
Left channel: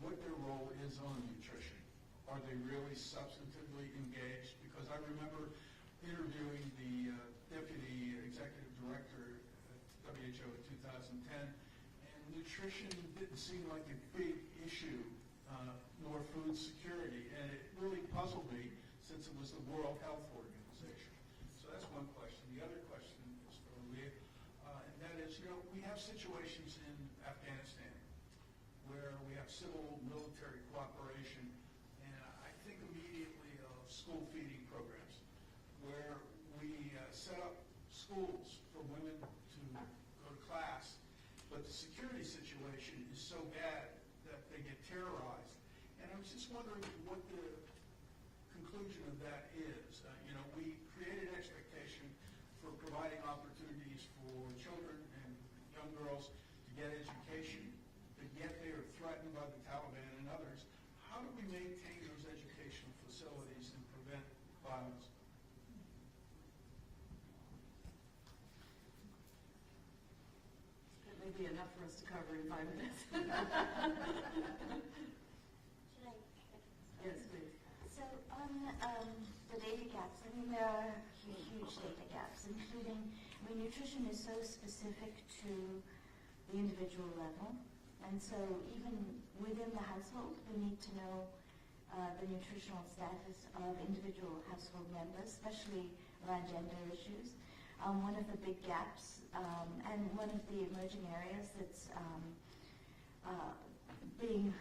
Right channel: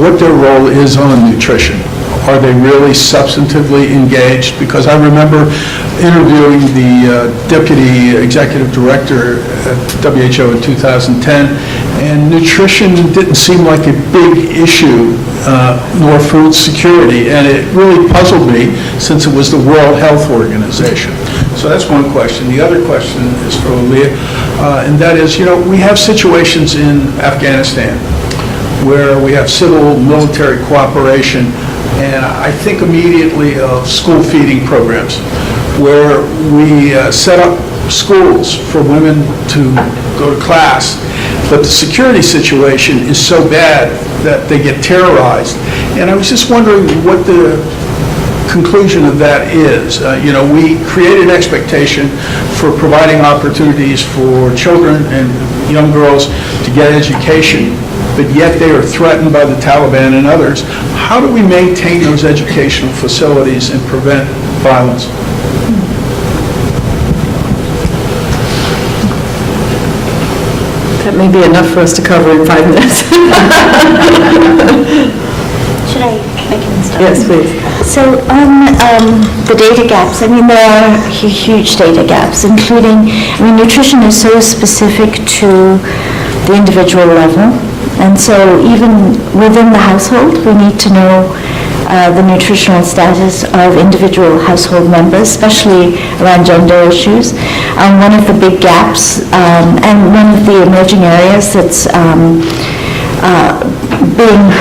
what their role is on nutrition. Are they really substantively engaged? Because I remember interviewing the Deputy Executive Director at WHO in 2010, and nutrition didn't seem like a big issue, nor food security, and it really puzzled me since it was the World Health Organization. So that's one question. The other question is for Alia, and that is, we have situations in Afghanistan where we have civil-military cooperation, and I think immediately of school feeding programs, where we set up schools for women to go to class, but the security situation is so bad that they get terrorized. And I was just wondering what the conclusion of that is. We create an expectation for providing opportunities for children and young girls to get education, but yet they are threatened by the Taliban and others. How do we maintain those educational facilities and prevent violence? That may be enough for us to cover in 5 minutes. Should I can start? Yes, please. So on the data gaps, there are huge data gaps, including, nutrition is so specific to the individual level. And so even within the household, we need to know the nutritional status of individual household members, especially around gender issues. One of the big gaps and one of the emerging areas that's being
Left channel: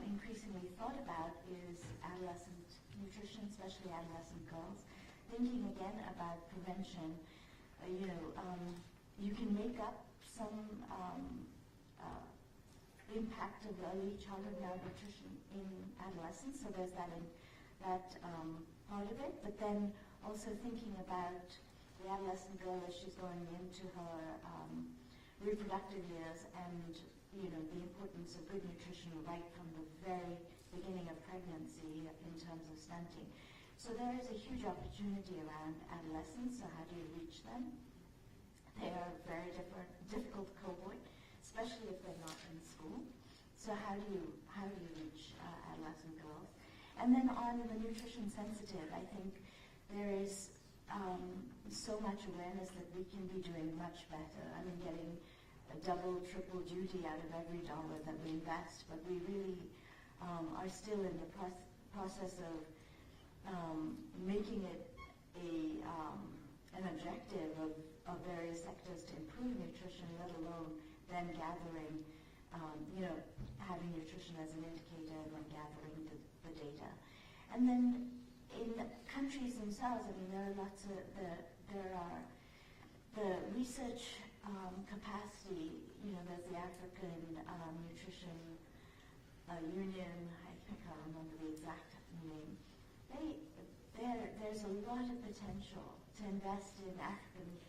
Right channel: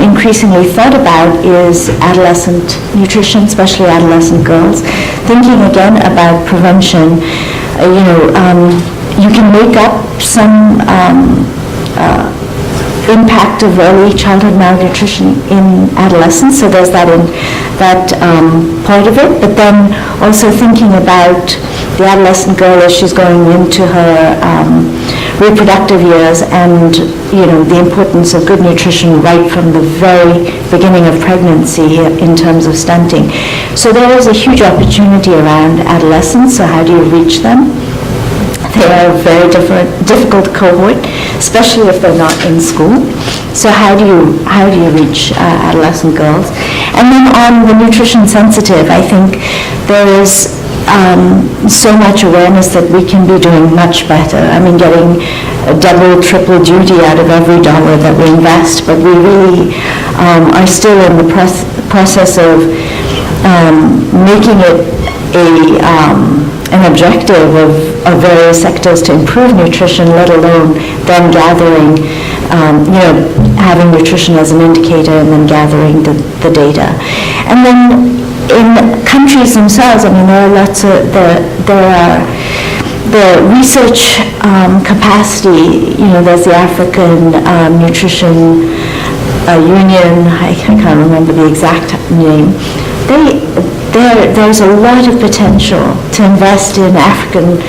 increasingly thought about is adolescent nutrition, especially adolescent girls. Thinking again about prevention, you can make up some impact of early childhood malnutrition in adolescence, so there's that part of it, but then also thinking about the adolescent girl as she's going into her reproductive years, and the importance of good nutrition right from the very beginning of pregnancy in terms of stunting. So there is a huge opportunity around adolescents, so how do you reach them? They are a very difficult cohort, especially if they're not in school. So how do you reach adolescent girls? And then on the nutrition sensitive, I think there is so much awareness that we can be doing much better. I mean, getting a double, triple duty out of every dollar that we invest, but we really are still in the process of making it an objective of various sectors to improve nutrition, let alone then gathering, having nutrition as an indicator and then gathering the data. And then in countries themselves, I mean, there are lots of, there are the research capacity, there's the African Nutrition Union, I can't remember the exact name. There's a lot of potential to invest in African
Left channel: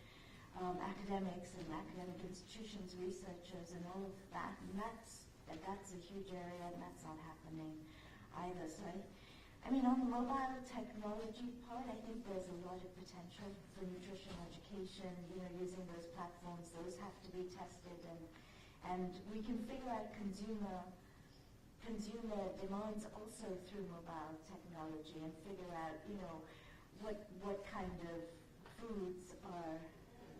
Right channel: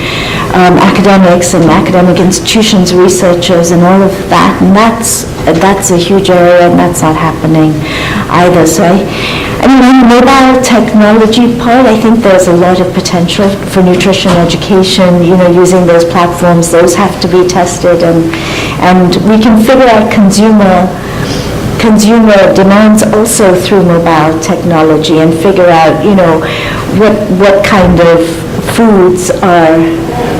academics and academic institutions, researchers, and all of that, and that's a huge area, and that's not happening either. So I mean, on the mobile technology part, I think there's a lot of potential for nutrition education, using those platforms. Those have to be tested, and we can figure out consumer demands also through mobile technology and figure out, what kind of foods are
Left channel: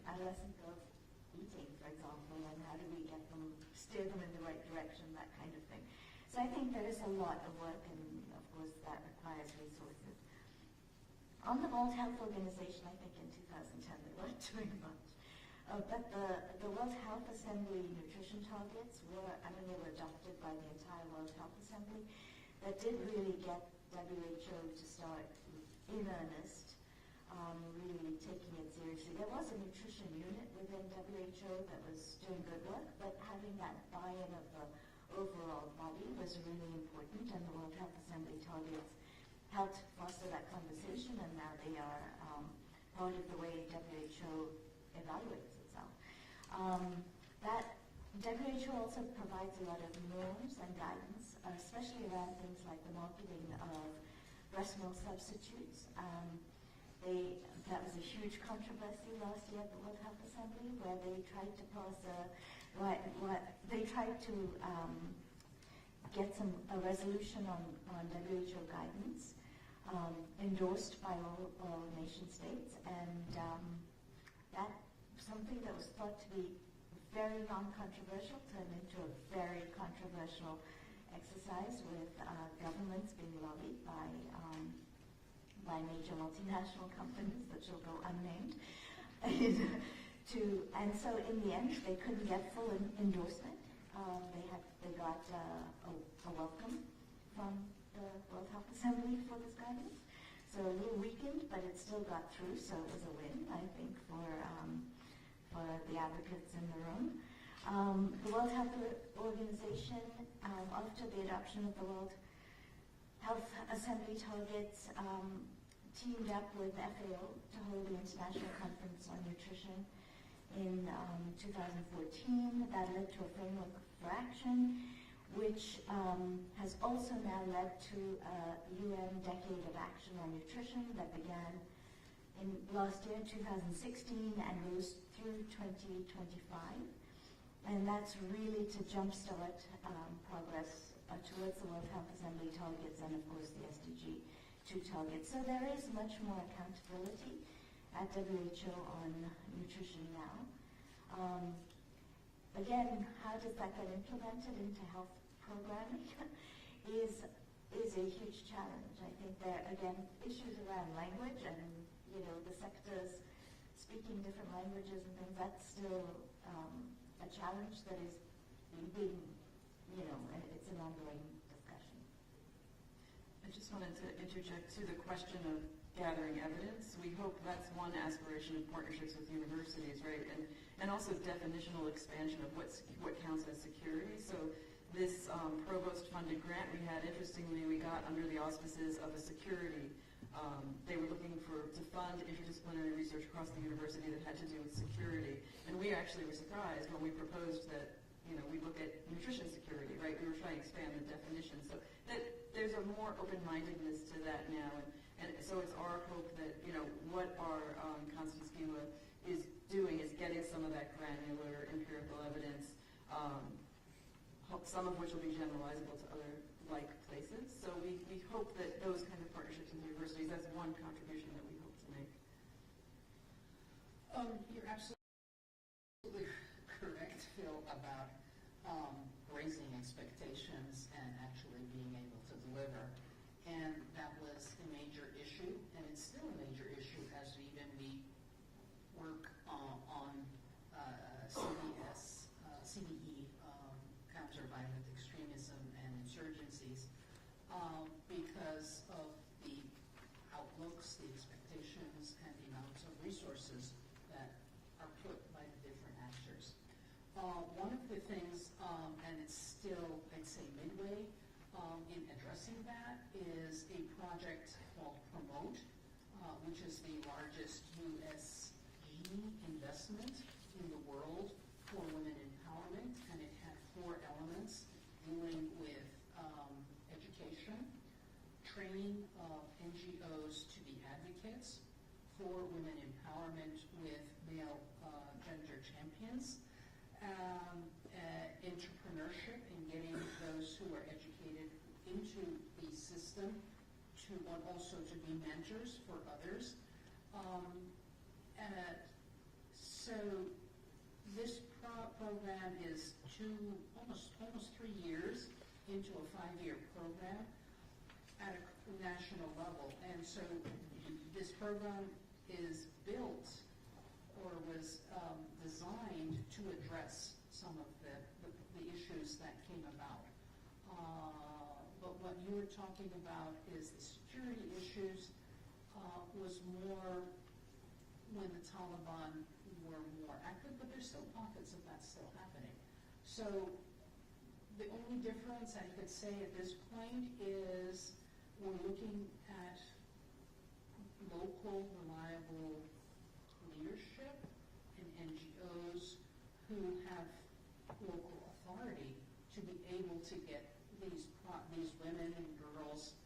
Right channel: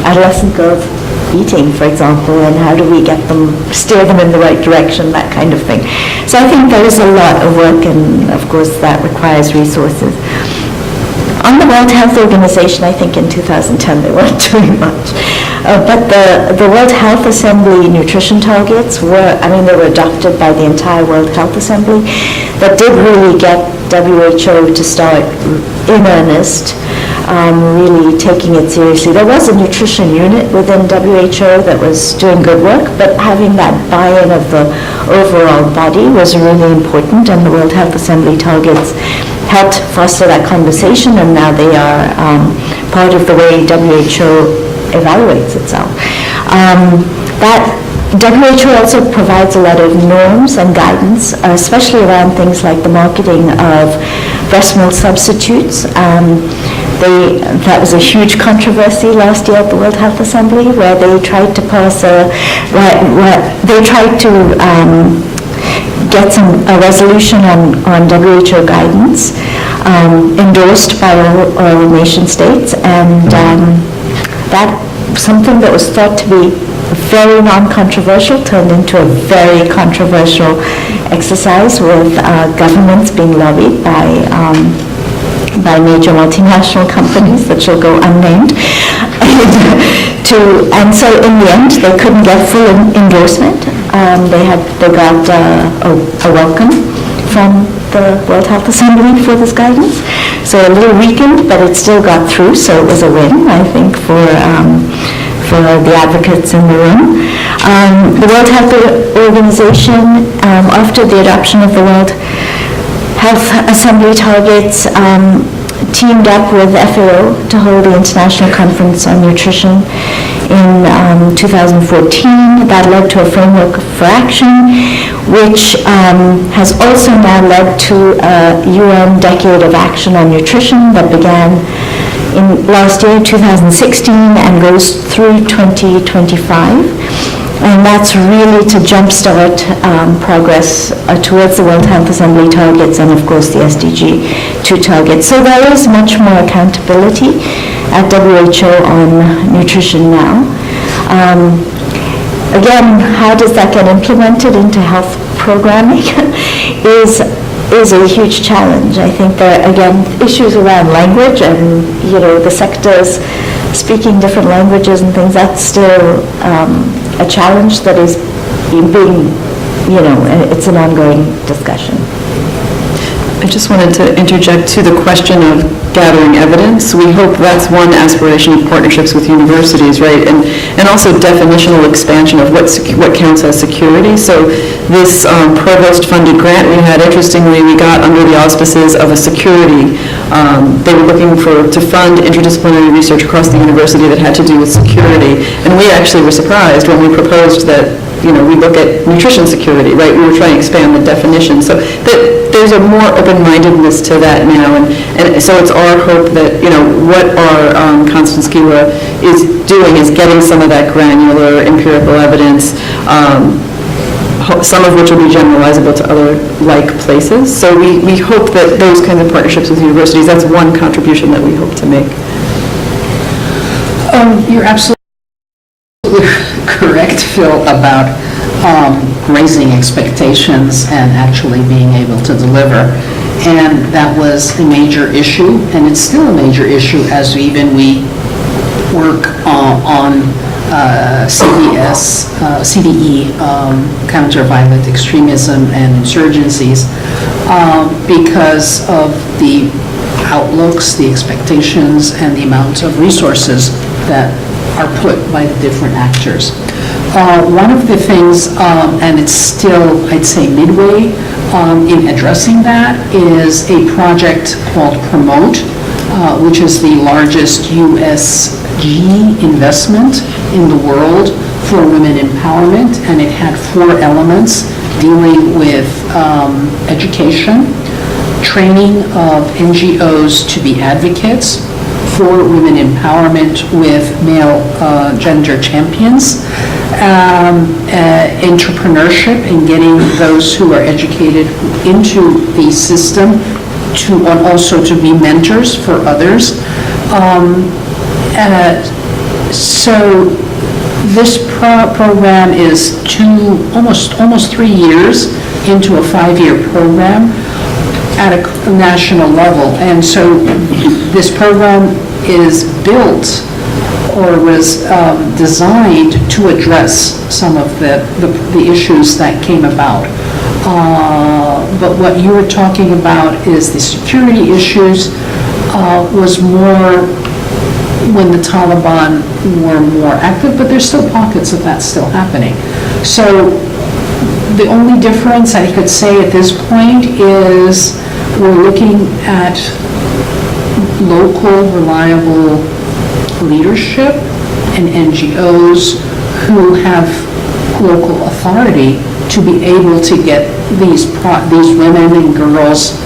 adolescent girls eating, for example, and how do we steer them in the right direction, that kind of thing. So I think there is a lot of work, and of course that requires resources. On the World Health Organization, I think in 2010 they weren't doing much. But the World Health Assembly nutrition targets they were adopted by the entire World Health Assembly. That did really get WHO to start in earnest, really taking it seriously. There was a nutrition unit within WHO that was doing good work, but having that buy-in of the overall body was really important, and the World Health Assembly targets helped foster that conversation, and now they are part of the way WHO evaluates itself. That WHO also provides a lot of norms and guidance, especially around things like the marketing of breast milk substitutes. That was a huge controversy last year at the World Health Assembly, where they tried to pass get a resolution on WHO guidance endorsed by all nation states, and that something that was thought to be very non-controversial turned into a very controversial exercise, with governments being lobbied by major multinational companies that shall go unnamed. And so in the end, they couldn't get full endorsement. They got a welcome from the World Health Assembly for this guidance. So a little weakened, but it still got through, so it was a win, I think, for the advocates in the room. The World Health Organization, after the adoption of the World Health Assembly targets, teamed up with FAO to hold the International Conference on Nutrition in 2014. That led to a framework for action, which has also now led to a UN Decade of Action on Nutrition that began in last year, 2016, and goes through 2025. And that's really to jumpstart progress towards the World Health Assembly targets and, of course, the SDG 2 targets. So there is much more accountability at WHO on nutrition now. Again, how does that get implemented into health programming is a huge challenge. I think there are, again, issues around language and, the sectors speaking different languages and things. That's still a challenge that is being, it's an ongoing discussion. I just wanted to interject to the question of gathering evidence. We hope that's one aspiration of partnerships with universities, right? And also definitional expansion of what counts as security. So this provost-funded grant we had, interestingly, we got under the auspices of a security. They were looking to fund interdisciplinary research across the university that had to do with security. And we actually were surprised when we proposed that we look at nutrition security, right? We were trying to expand the definition. So there's a more open-mindedness to that now. And so it's our hope that, what our Constance Gewa is doing is getting some of that granular empirical evidence, some of which will be generalizable to other like places. So we hope that those kinds of partnerships with universities, that's one contribution that we hope to make. You're absolutely correct, Phil, about raising expectations and actually being able to deliver. And that was a major issue, and it's still a major issue as we work on CVE, counter-violent extremism and insurgencies, because of the outlooks, the expectations, and the amount of resources that are put by the different actors. One of the things, and it's still, I'd say, midway in addressing that, is a project called Promote, which is the largest USG investment in the world for women empowerment, and it had 4 elements dealing with education, training of NGOs to be advocates for women empowerment with male gender champions, entrepreneurship and getting those who are educated into the system to also to be mentors for others. So this program is almost 3 years into a 5-year program at a national level. And so this program is built or was designed to address some of the issues that came about. But what you were talking about is the security issues was more when the Taliban were more active, but there's still pockets of that still happening. So the only difference I could say at this point is we're looking at local, reliable leadership and NGOs who have local authority to be able to get these women and girls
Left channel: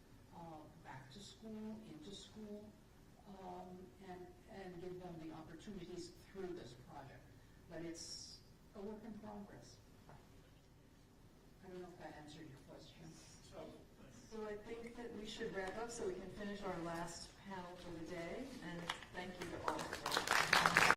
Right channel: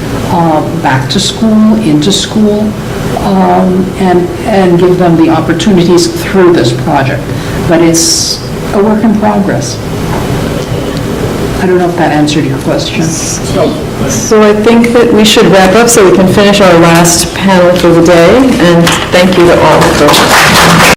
back to school, into school, and give them the opportunities through this project. But it's a work in progress. I don't know if that answered your question. So I think that we should wrap up so we can finish our last panel for the day, and thank you to all for